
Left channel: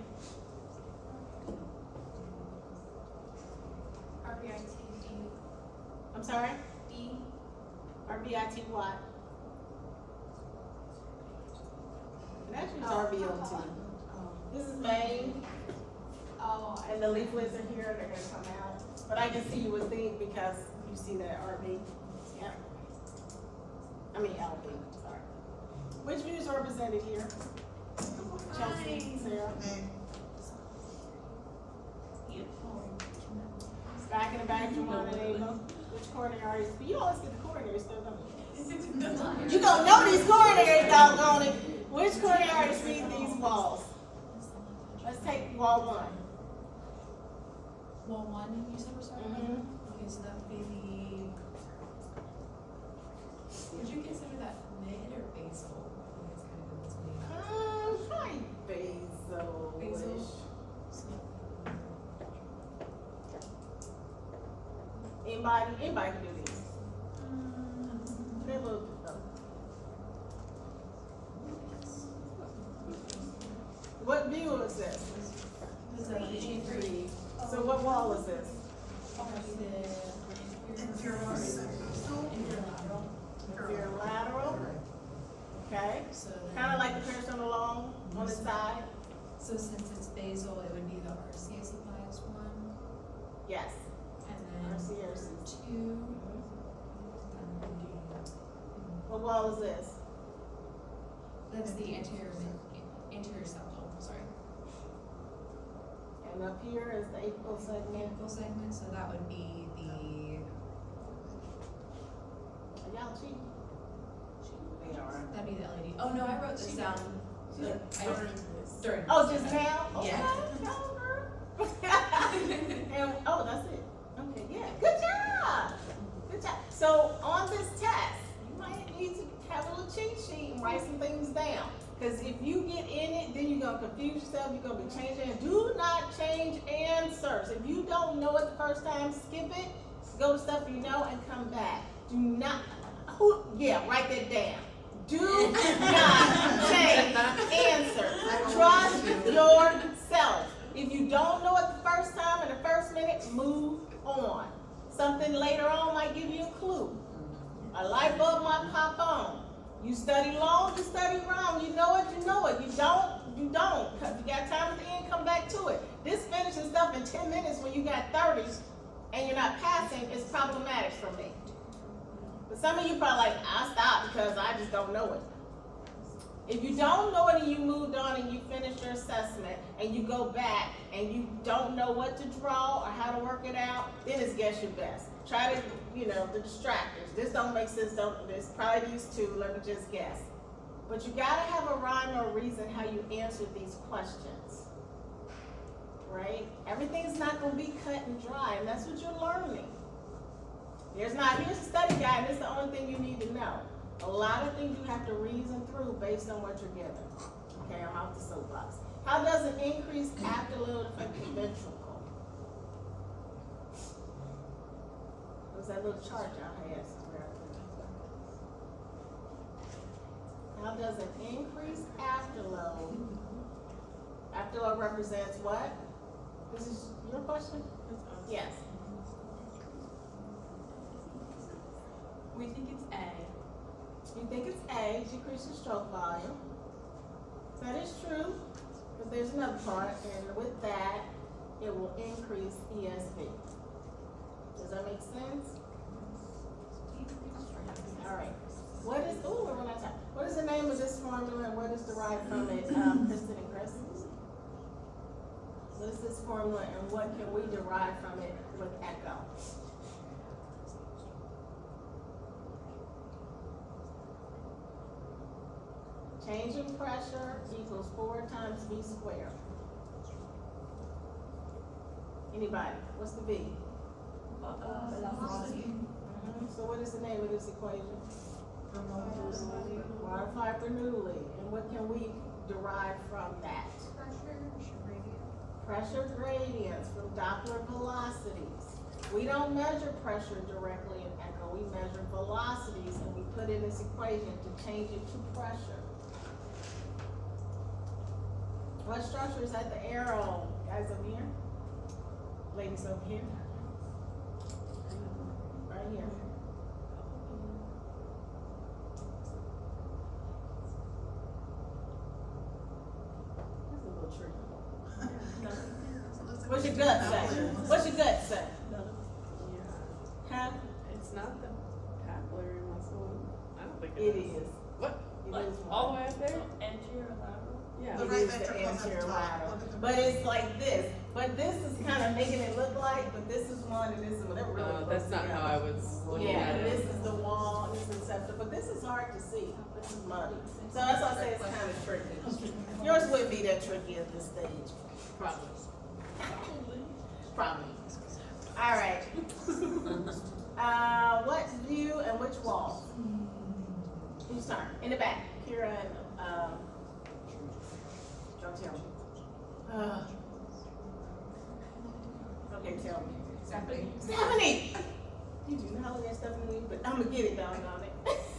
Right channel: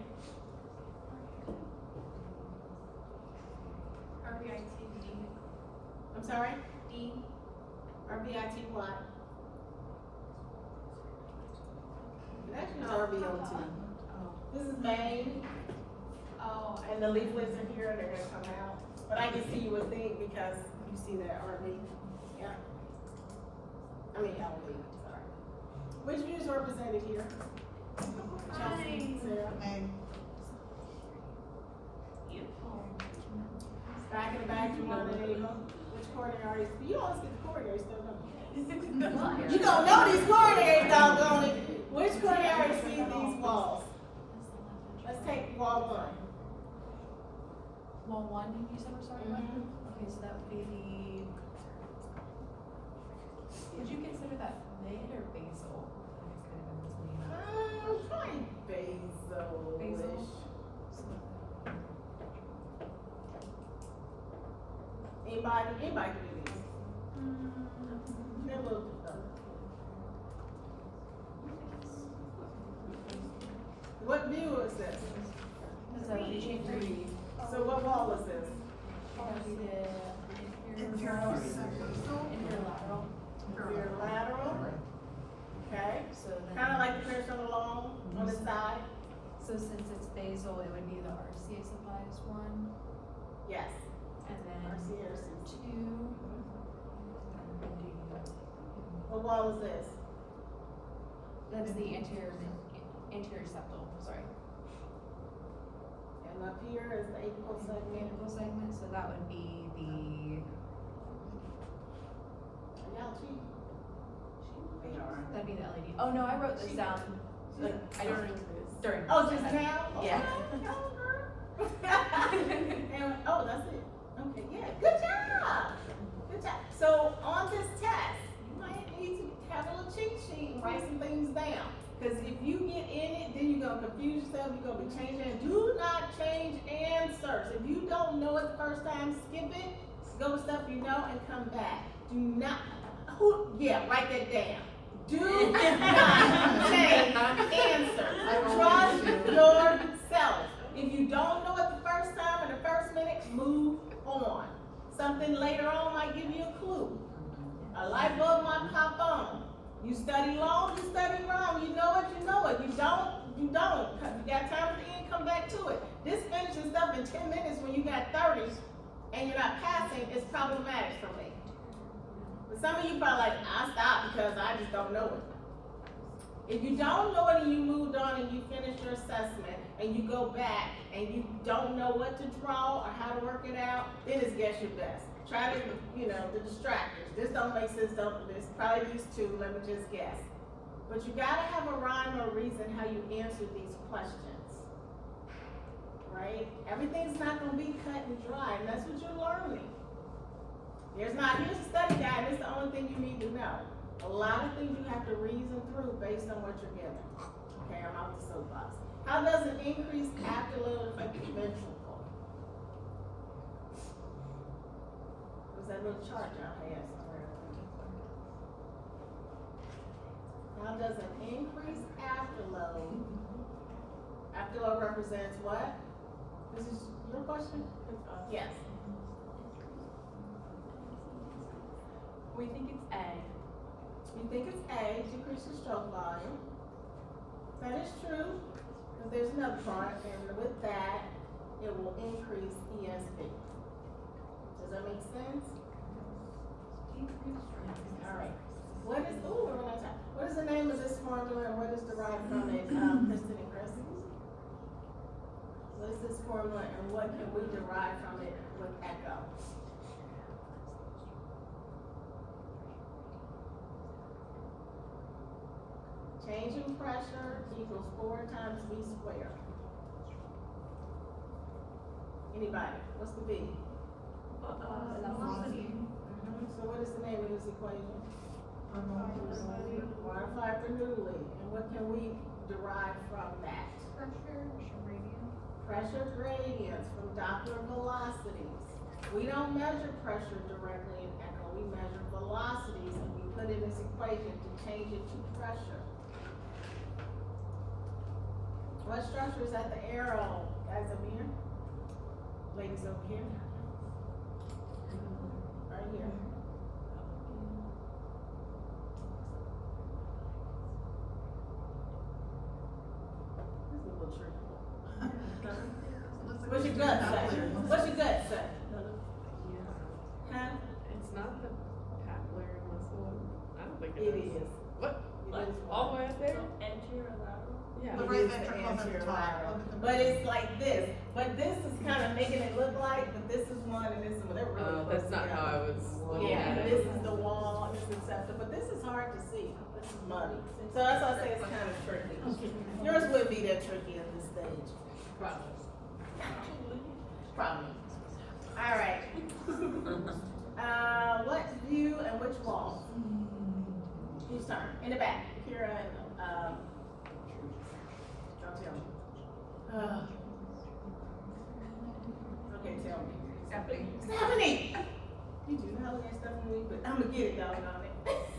RBIT, I'm sorry? D, RBIT what? It actually is RBO2. This is main, oh, and the leaflets are here, they're gonna come out. But I can see you would think because you see that RB. Yeah. I mean LB, sorry. Which view is represented here? Chelsea, Sarah. And Back in the back, you want to name them? Which coronary arteries? You always get the coronary stuff, don't you? Yeah. You gonna know these coronaries, doggone it. Which coronary arteries feed these walls? Let's take wall one. Wall one, you said we're starting with? Mhm. Okay, so that would be the, would you consider that mid or basal? Probably basal-ish. Basal? Anybody can do these. They're a little, what view is this? Is that G3? So what wall is this? Inferior lateral. Inferior lateral, okay? So then. Kinda like the parasternal long on the side, So since it's basal, it would be the RCA supplies one, yes. and then RCA. two. What wall is this? That's the anterior septal, sorry. And up here is the apical segment. Apical segment, so that would be the, Y'all cheat. They are. that'd be the LED. Oh, no, I wrote this down. During. Oh, just now? Yeah. And, oh, that's it. Okay, yeah, good job. Good job. So on this test, you might need to have a little cheat sheet and write some things down. Because if you get in it, then you're gonna confuse yourself, you're gonna be changing. Do not change answers. If you don't know it the first time, skip it, go to stuff you know and come back. Do not, write that down. Do not change answers. Trust yourself. If you don't know it the first time in the first minute, move on. Something later on might give you a clue. A light bulb might pop on. You study long, you study wrong. You know it, you know it. You don't, you don't. If you got time at the end, come back to it. This finishing stuff in 10 minutes when you got 30s and you're not passing is problematic for me. But some of you probably like, I stopped because I just don't know it. If you don't know it and you moved on and you finished your assessment and you go back and you don't know what to draw or how to work it out, then it's guess your best. Try to, the distractors. This don't make sense, this probably these two, let me just guess. But you gotta have a rhyme or reason how you answer these questions, right? Everything's not gonna be cut and dry, and that's what you're learning. Here's a study guide, and it's the only thing you need to know. A lot of things you have to reason through based on what you're given. Okay, I'm off the soapbox. How does an increased afterload affect the ventricle? There's that little chart down here. How does an increased afterload represents what? This is your question? Yes. We think it's A. You think it's A, decreases stroke volume. That is true, but there's another part, and with that, it will increase ESV. Does that make sense? All right. What is the name of this formula and what is derived from it, Kristen and Chris? What is this formula and what can we derive from it with echo? Change in pressure equals 4 times V squared. Anybody? What's the V? Velocity. So what is the name of this equation? Water flyer Bernoulli. And what can we derive from that? Pressure gradients from Doppler velocities. We don't measure pressure directly in echo. We measure velocities and we put in this equation to change it to pressure. What structure is at the arrow? Guys over here? Ladies over here? Right here. This is a little tricky. What's your gut say? What's your gut say? Huh? It's not the papillary muscle. I don't think It is. What? It Like is all the one. way up there? Anterolateral? Yeah. The It right is the ventricle is at the top, anterolateral. look at the but it's like this. But this is kind of making it look like, but this is one and this is one. They're really close That's not together. how I was looking Yeah, at and it. this is the wall, and this is septic, but this is hard to see. This is muddy. So that's why I say it's kind of tricky. Yours would be that tricky at this stage. Probably. Probably. All right. What view and which wall? Whose turn? In the back. Kira and, don't tell me. Okay, tell me. Stephanie! You do not look at Stephanie, but I'm gonna get it, doggone it.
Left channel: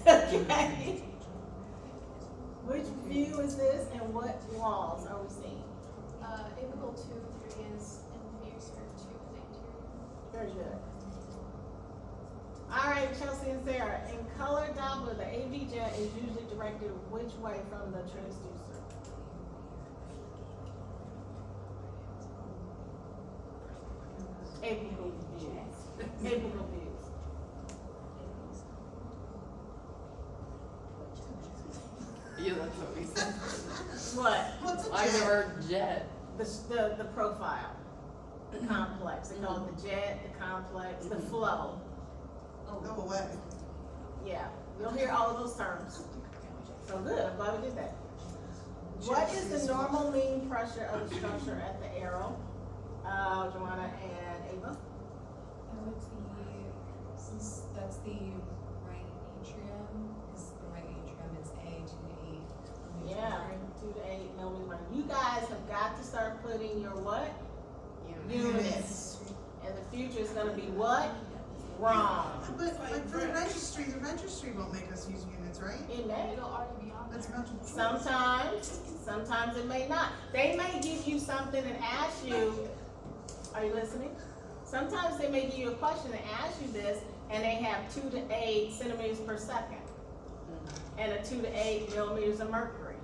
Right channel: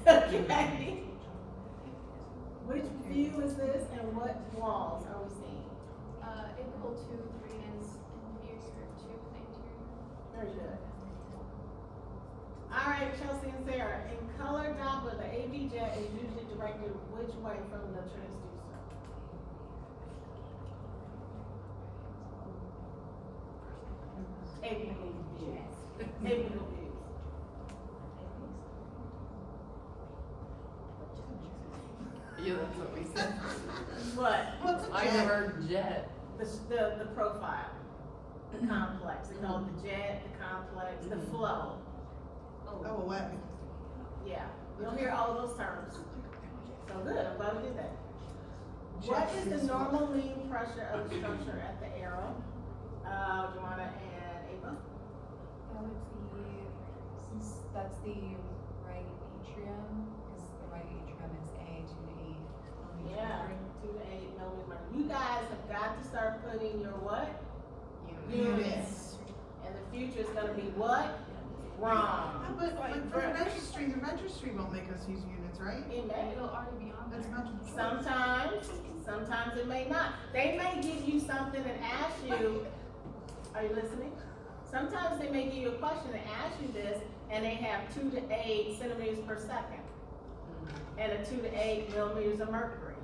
Okay. Which view is this and what walls are we seeing? April 2, 3 is in view skirt 2, thank you. Very good. All right, Chelsea and Sarah, in color Doppler, the AV jet is usually directed which way from the transducer? Apical views. Apical views. Yeah, that's what we said. What? What's a I jet? heard jet. The profile, the complex. They call it the jet, the complex, the flow. Go away. Yeah, you'll hear all of those terms. So good, I'm glad we did that. What is the normal mean pressure of the structure at the arrow? Joanna and Ava? That would be, since that's the right atrium, because the right atrium is A to 8. Yeah, 2 to 8 millimeters. You guys have got to start putting your what? Units. And the future is gonna be what? Wrong. But like for the registry won't make us use units, right? It may. It'll already be on That's there. not true. Sometimes it may not. They may give you something and ask you, are you listening? Sometimes they may give you a question and ask you this, and they have 2 to 8 centimeters per second, and a 2 to 8 millimeters of mercury.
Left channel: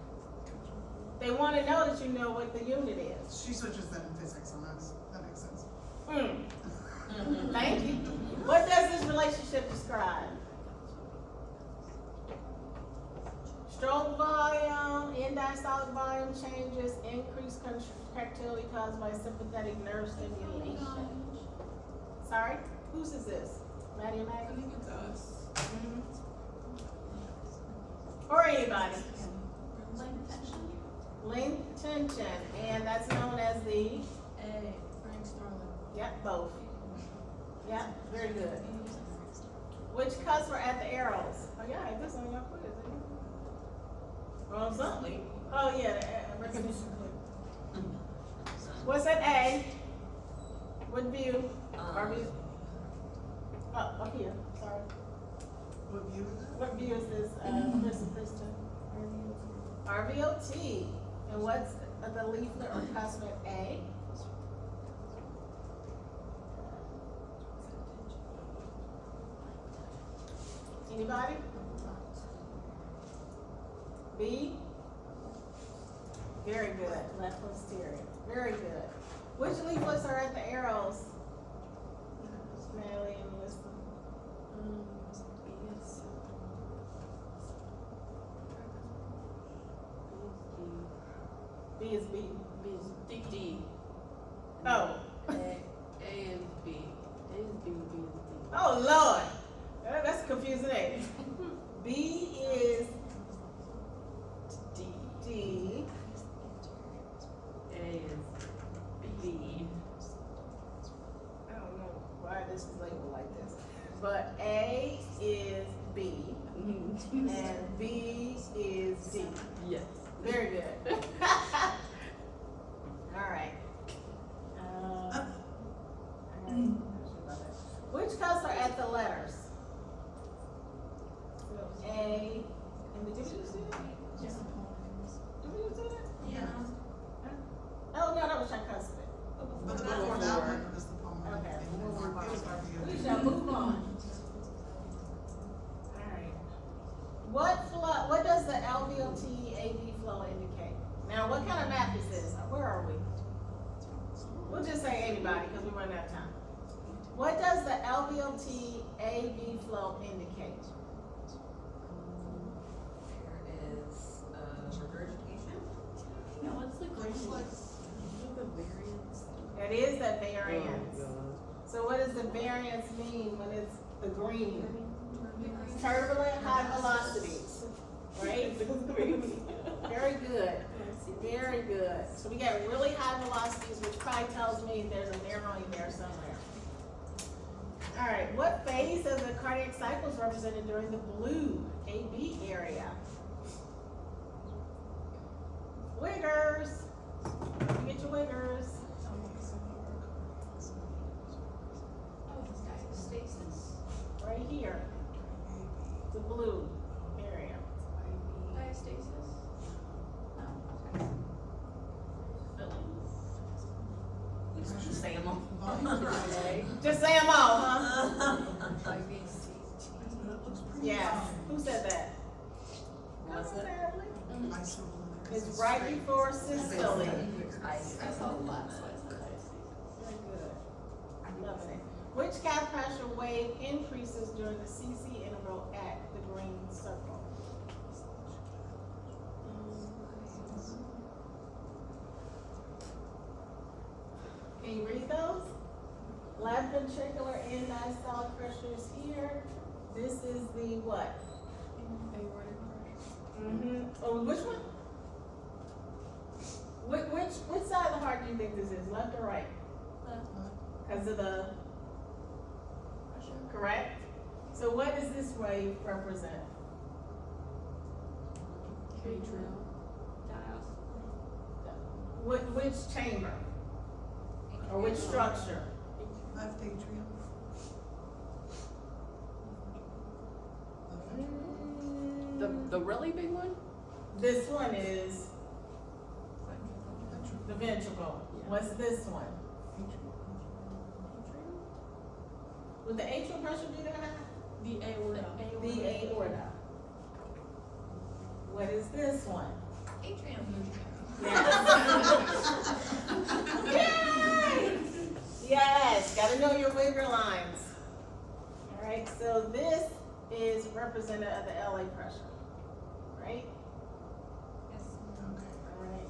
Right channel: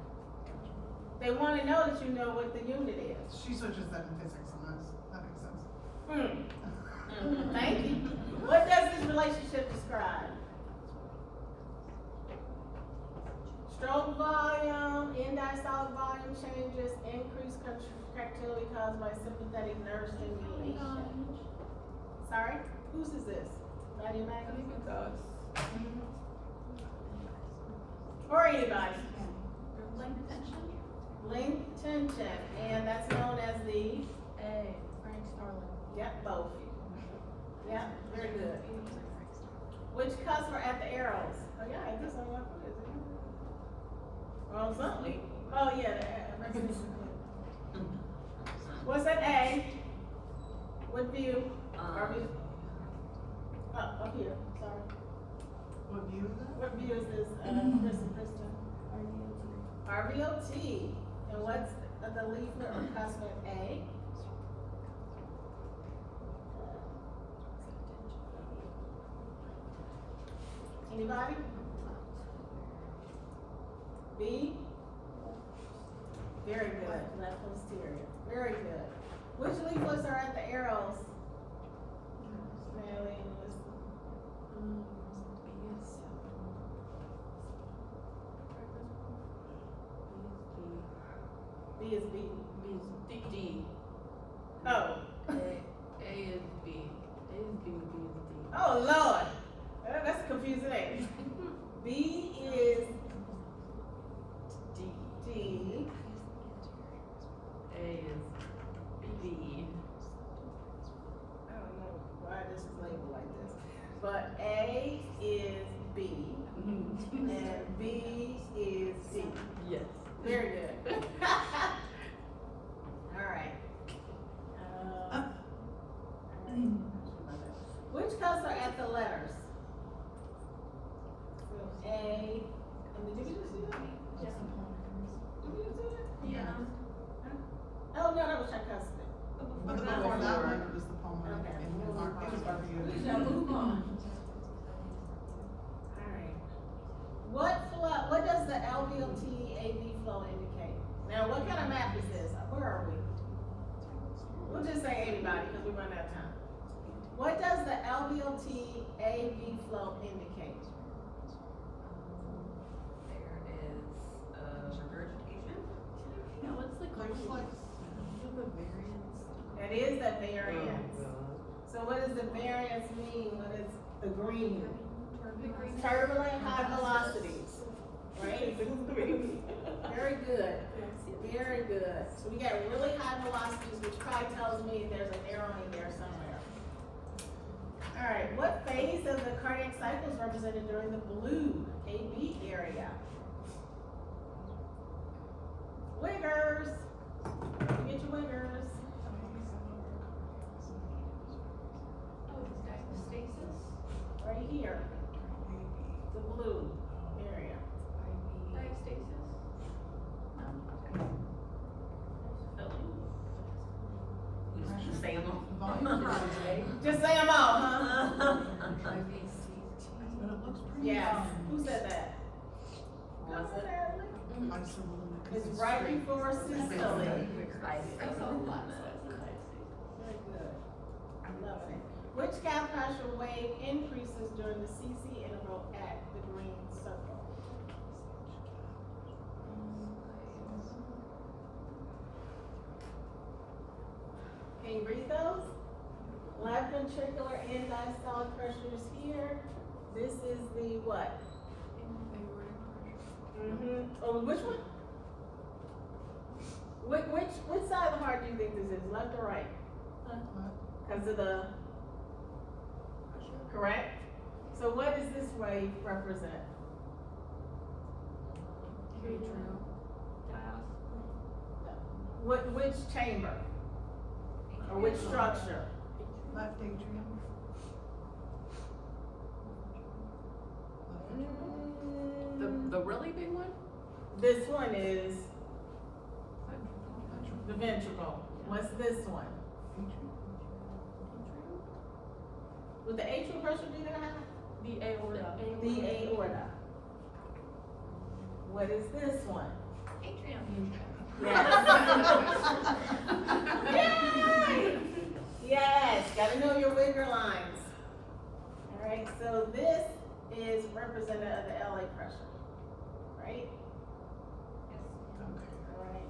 They wanna know that you know what the unit is. She switches that in physics on us. That makes sense. Thank you. What does this relationship describe? Stroke volume, end-diastolic volume changes, increased contractility caused by sympathetic nerve stimulation. Sorry, whose is this? Maddie and I Maggie? think it's us. Or anybody? Length tension. Length tension, and that's known as the, A, Frank Starling. yep, both. Yep, very good. Which cuts were at the arrows? Oh yeah, I guess on your quiz, isn't it? Well, something. Oh yeah, the recognition clip. What's that A? What view? RV? Oh, here, sorry. What view is it? What view is this, Chris and Kristen? RVOT. And what's the leaflet or cusp at A? Anybody? B? Very good, left posterior, very good. Which leaflets are at the arrows? Natalie and Melissa. B is B. D. Oh. A is B. A is B, B is D. Oh, Lord. That's confusing, ain't it? B is D. D. A is B. I don't know why this is labeled like this. But A is B and B is D. Yes. Very good. All right. Which cups are at the letters? So A, and did you just do that? Just a poem. Did we just do that? Yeah. Oh, no, that was tricuspid. But the before that one, it was the pulmonary. Okay, It we'll move on. was RVO. We shall move on. Alright. What does the LVOT AV flow indicate? Now, what kind of map is this? Where are we? We'll just say anybody, because we're running out of time. What does the LVOT AV flow indicate? There is, regurgitation. Yeah, let's like Reflex. So what does the variance mean when it's the green? Turbulent high velocities, right? Very good, very good. So we got really high velocities, which probably tells me there's an narrowing there somewhere. All right, what phase of the cardiac cycle is represented during the blue AB area? Wiggers, get your wiggers. Oh, it's diastasis? Right here, the blue area. Diastasis? No, okay. We just say them all. Just say them all, huh? But it looks pretty. Yes, who said that? Was it? It's right before systole. I saw a lot. Very good. I'm loving it. Which gas pressure wave increases during the CC interval at the green circle? Can you read those? Left ventricular end diastolic pressure is here. This is the what? Mm-hmm. Oh, which one? Which side of the heart do you think this is? Left or right? Because of the, correct? So what does this wave represent? Which chamber? Or which structure? Left atrium. The really big one? This one is the ventricle. What's this one? Would the atrial pressure be that high? The aorta. The aorta. What is this one? Atrium. Yes. Yay! Yes, gotta know your wigger lines. All right, so this is representative of the LA pressure, right? All right.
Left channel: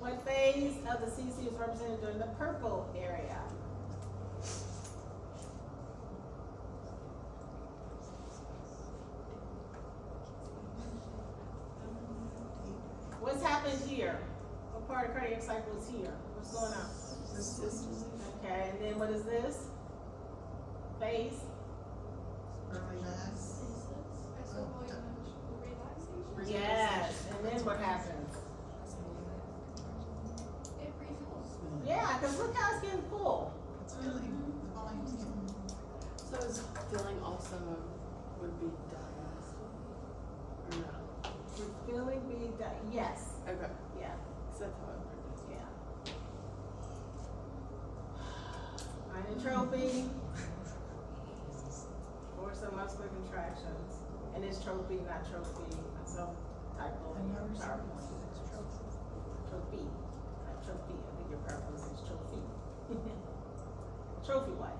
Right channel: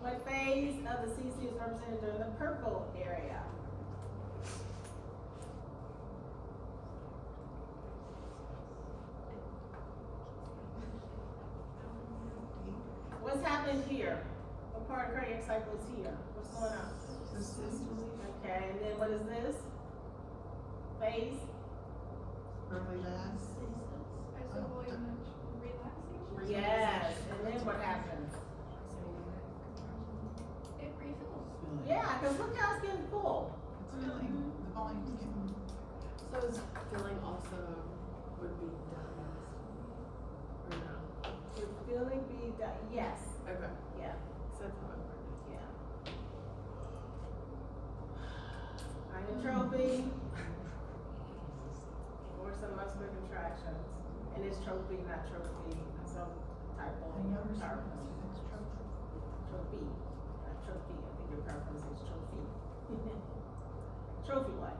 What phase of the CC is represented during the purple area? What's happened here? What part of cardiac cycle is here? What's going on? Okay, and then what is this? Phase? Early mass. Yes, and then what happens? It refills. Yeah, because look how it's getting full. It's filling, the volume's getting. So is filling also would be diagnosed? Or no? Would filling be done? Yes, Okay. yeah, So that's what yeah. Inotropy, or some muscular contractions, and it's trophy, not trophy, self-typo. I noticed power it's play. trophy. Trophy, not trophy, I think your preference is trophy. Trophy what?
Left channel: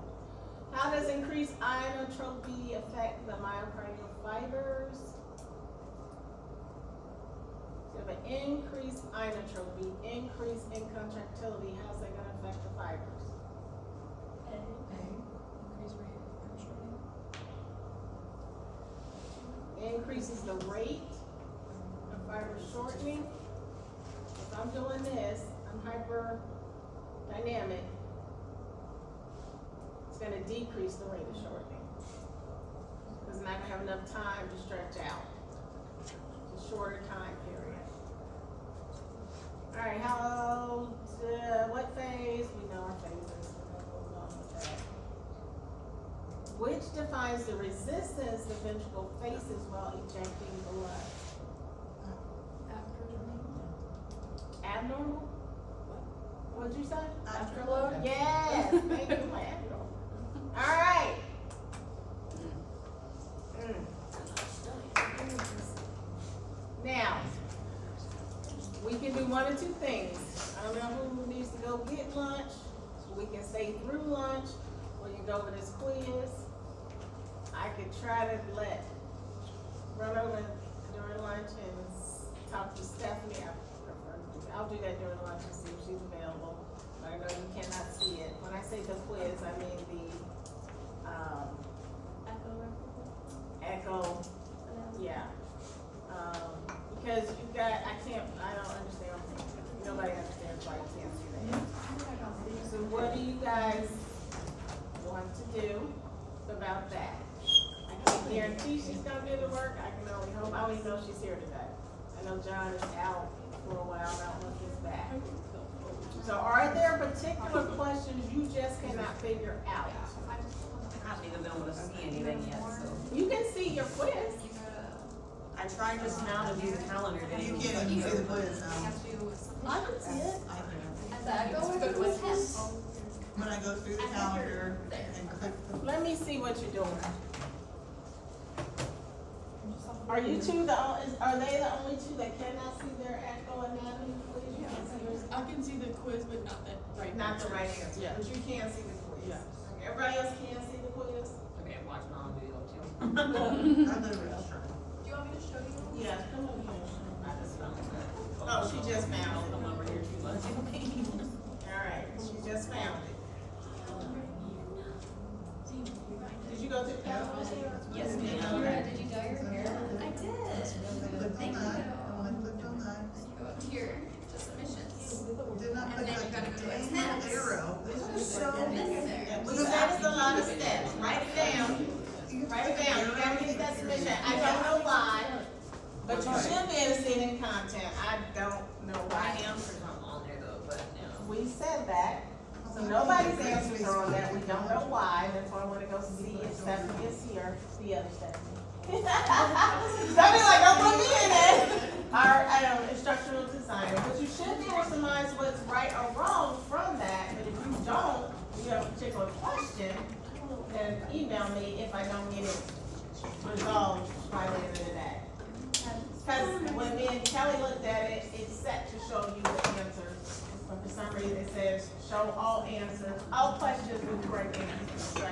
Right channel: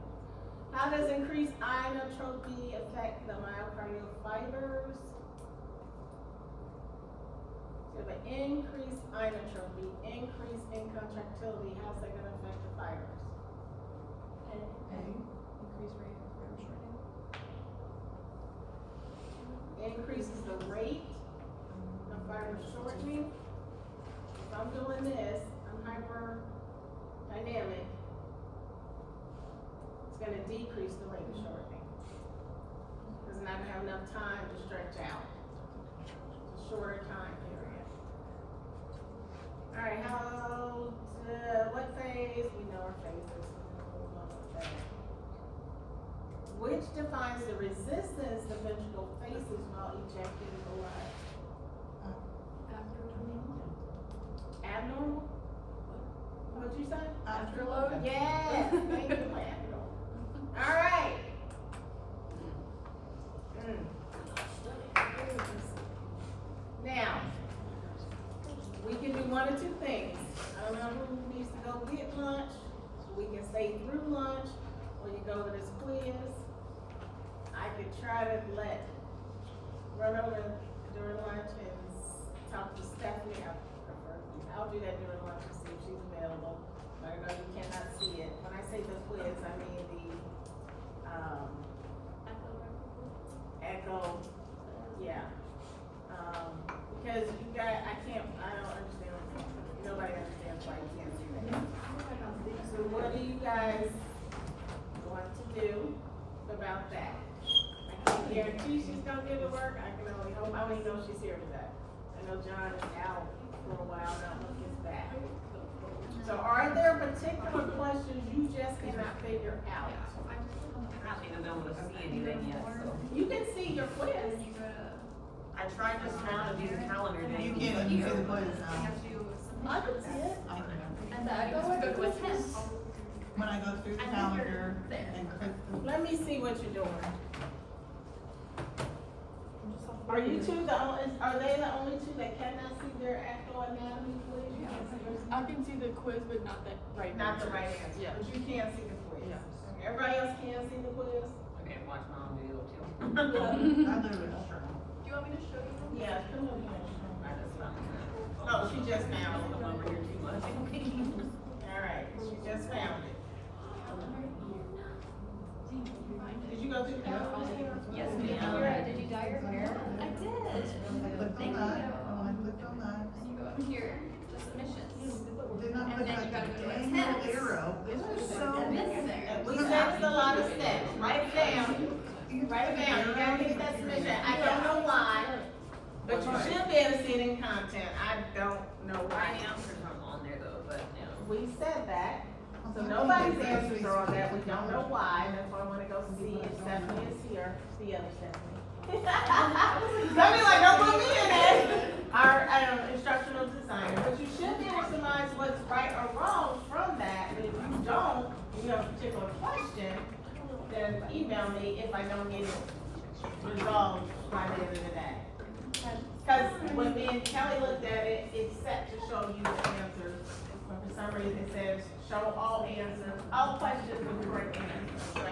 How does increased inotropy affect the myocardial fibers? So you have an increased inotropy, increase in contractility, how's that gonna affect the fibers? Increases the rate of fiber shortening. If I'm doing this, I'm hyperdynamic. It's gonna decrease the rate of shortening. Because I'm not gonna have enough time to stretch out. It's a shorter time period. Alright, what phase? We know our phases. We're gonna move on with that. Which defines the resistance the ventricle faces while ejecting blood? Abnormal? What'd you say? Afterload? Yes, thank you, abnormal. Alright. Now, we can do one or two things. I don't know who needs to go get lunch, so we can stay through lunch, or you can go over this quiz. I could try to run over during lunch and talk to Stephanie. I'll do that during lunch and see if she's available. I know you cannot see it. When I say the quiz, I mean the, echo, yeah. Because you got, I don't understand, nobody understands why you can't see that. So what do you guys want to do about that? I can't guarantee she's gonna give the work, I can only hope, I only know she's here today. I know John is out for a while, I don't know if he's back. So are there particular questions you just cannot figure out? I don't even know what to see anything yet, so. You can see your quiz. I tried just now to do the calendar day. You can't even see the quiz now. I can see it. I can. And that goes with this. When I go through the calendar and click the. Let me see what you're doing. Are you two are they the only two that cannot see their echo anatomy, please? You can see yours? I can see the quiz, but not the right. Not the answers. right answer, Yeah. but you can see the quiz. Yes. Everybody else can see the quiz? Okay, watch my own video too. I literally just turned. Do you want me to show you? Yeah, come over here. I just found it. Oh, she just found it. Come over here too much. Alright, she just found it. Did you go through the calendar? Yes, ma'am. Did you dye your hair? I did. I clicked on that, and when I clicked on that, So you go up here to submissions. did not click And then you like gotta the go to dang attendance. arrow. This is so. And then you're there. We said it's a lot of steps, write it down, write it down, you gotta get that submission, I don't know why, but you should be able to see it in content, I don't know My why. answers aren't on there though, but no. We said that, so nobody's answers are on there, we don't know why, that's why I wanna go see if Stephanie is here, the other Stephanie. Stephanie's like, don't put me in it. Our, instructional designer, but you should be able to surmise what's right or wrong from that, and if you don't, you have a particular question, then email me if I don't get it resolved by the end of the day. Cause when me and Kelly looked at it, it's set to show you the answers, but for some reason it says, show all answers, all questions with correct answers. So I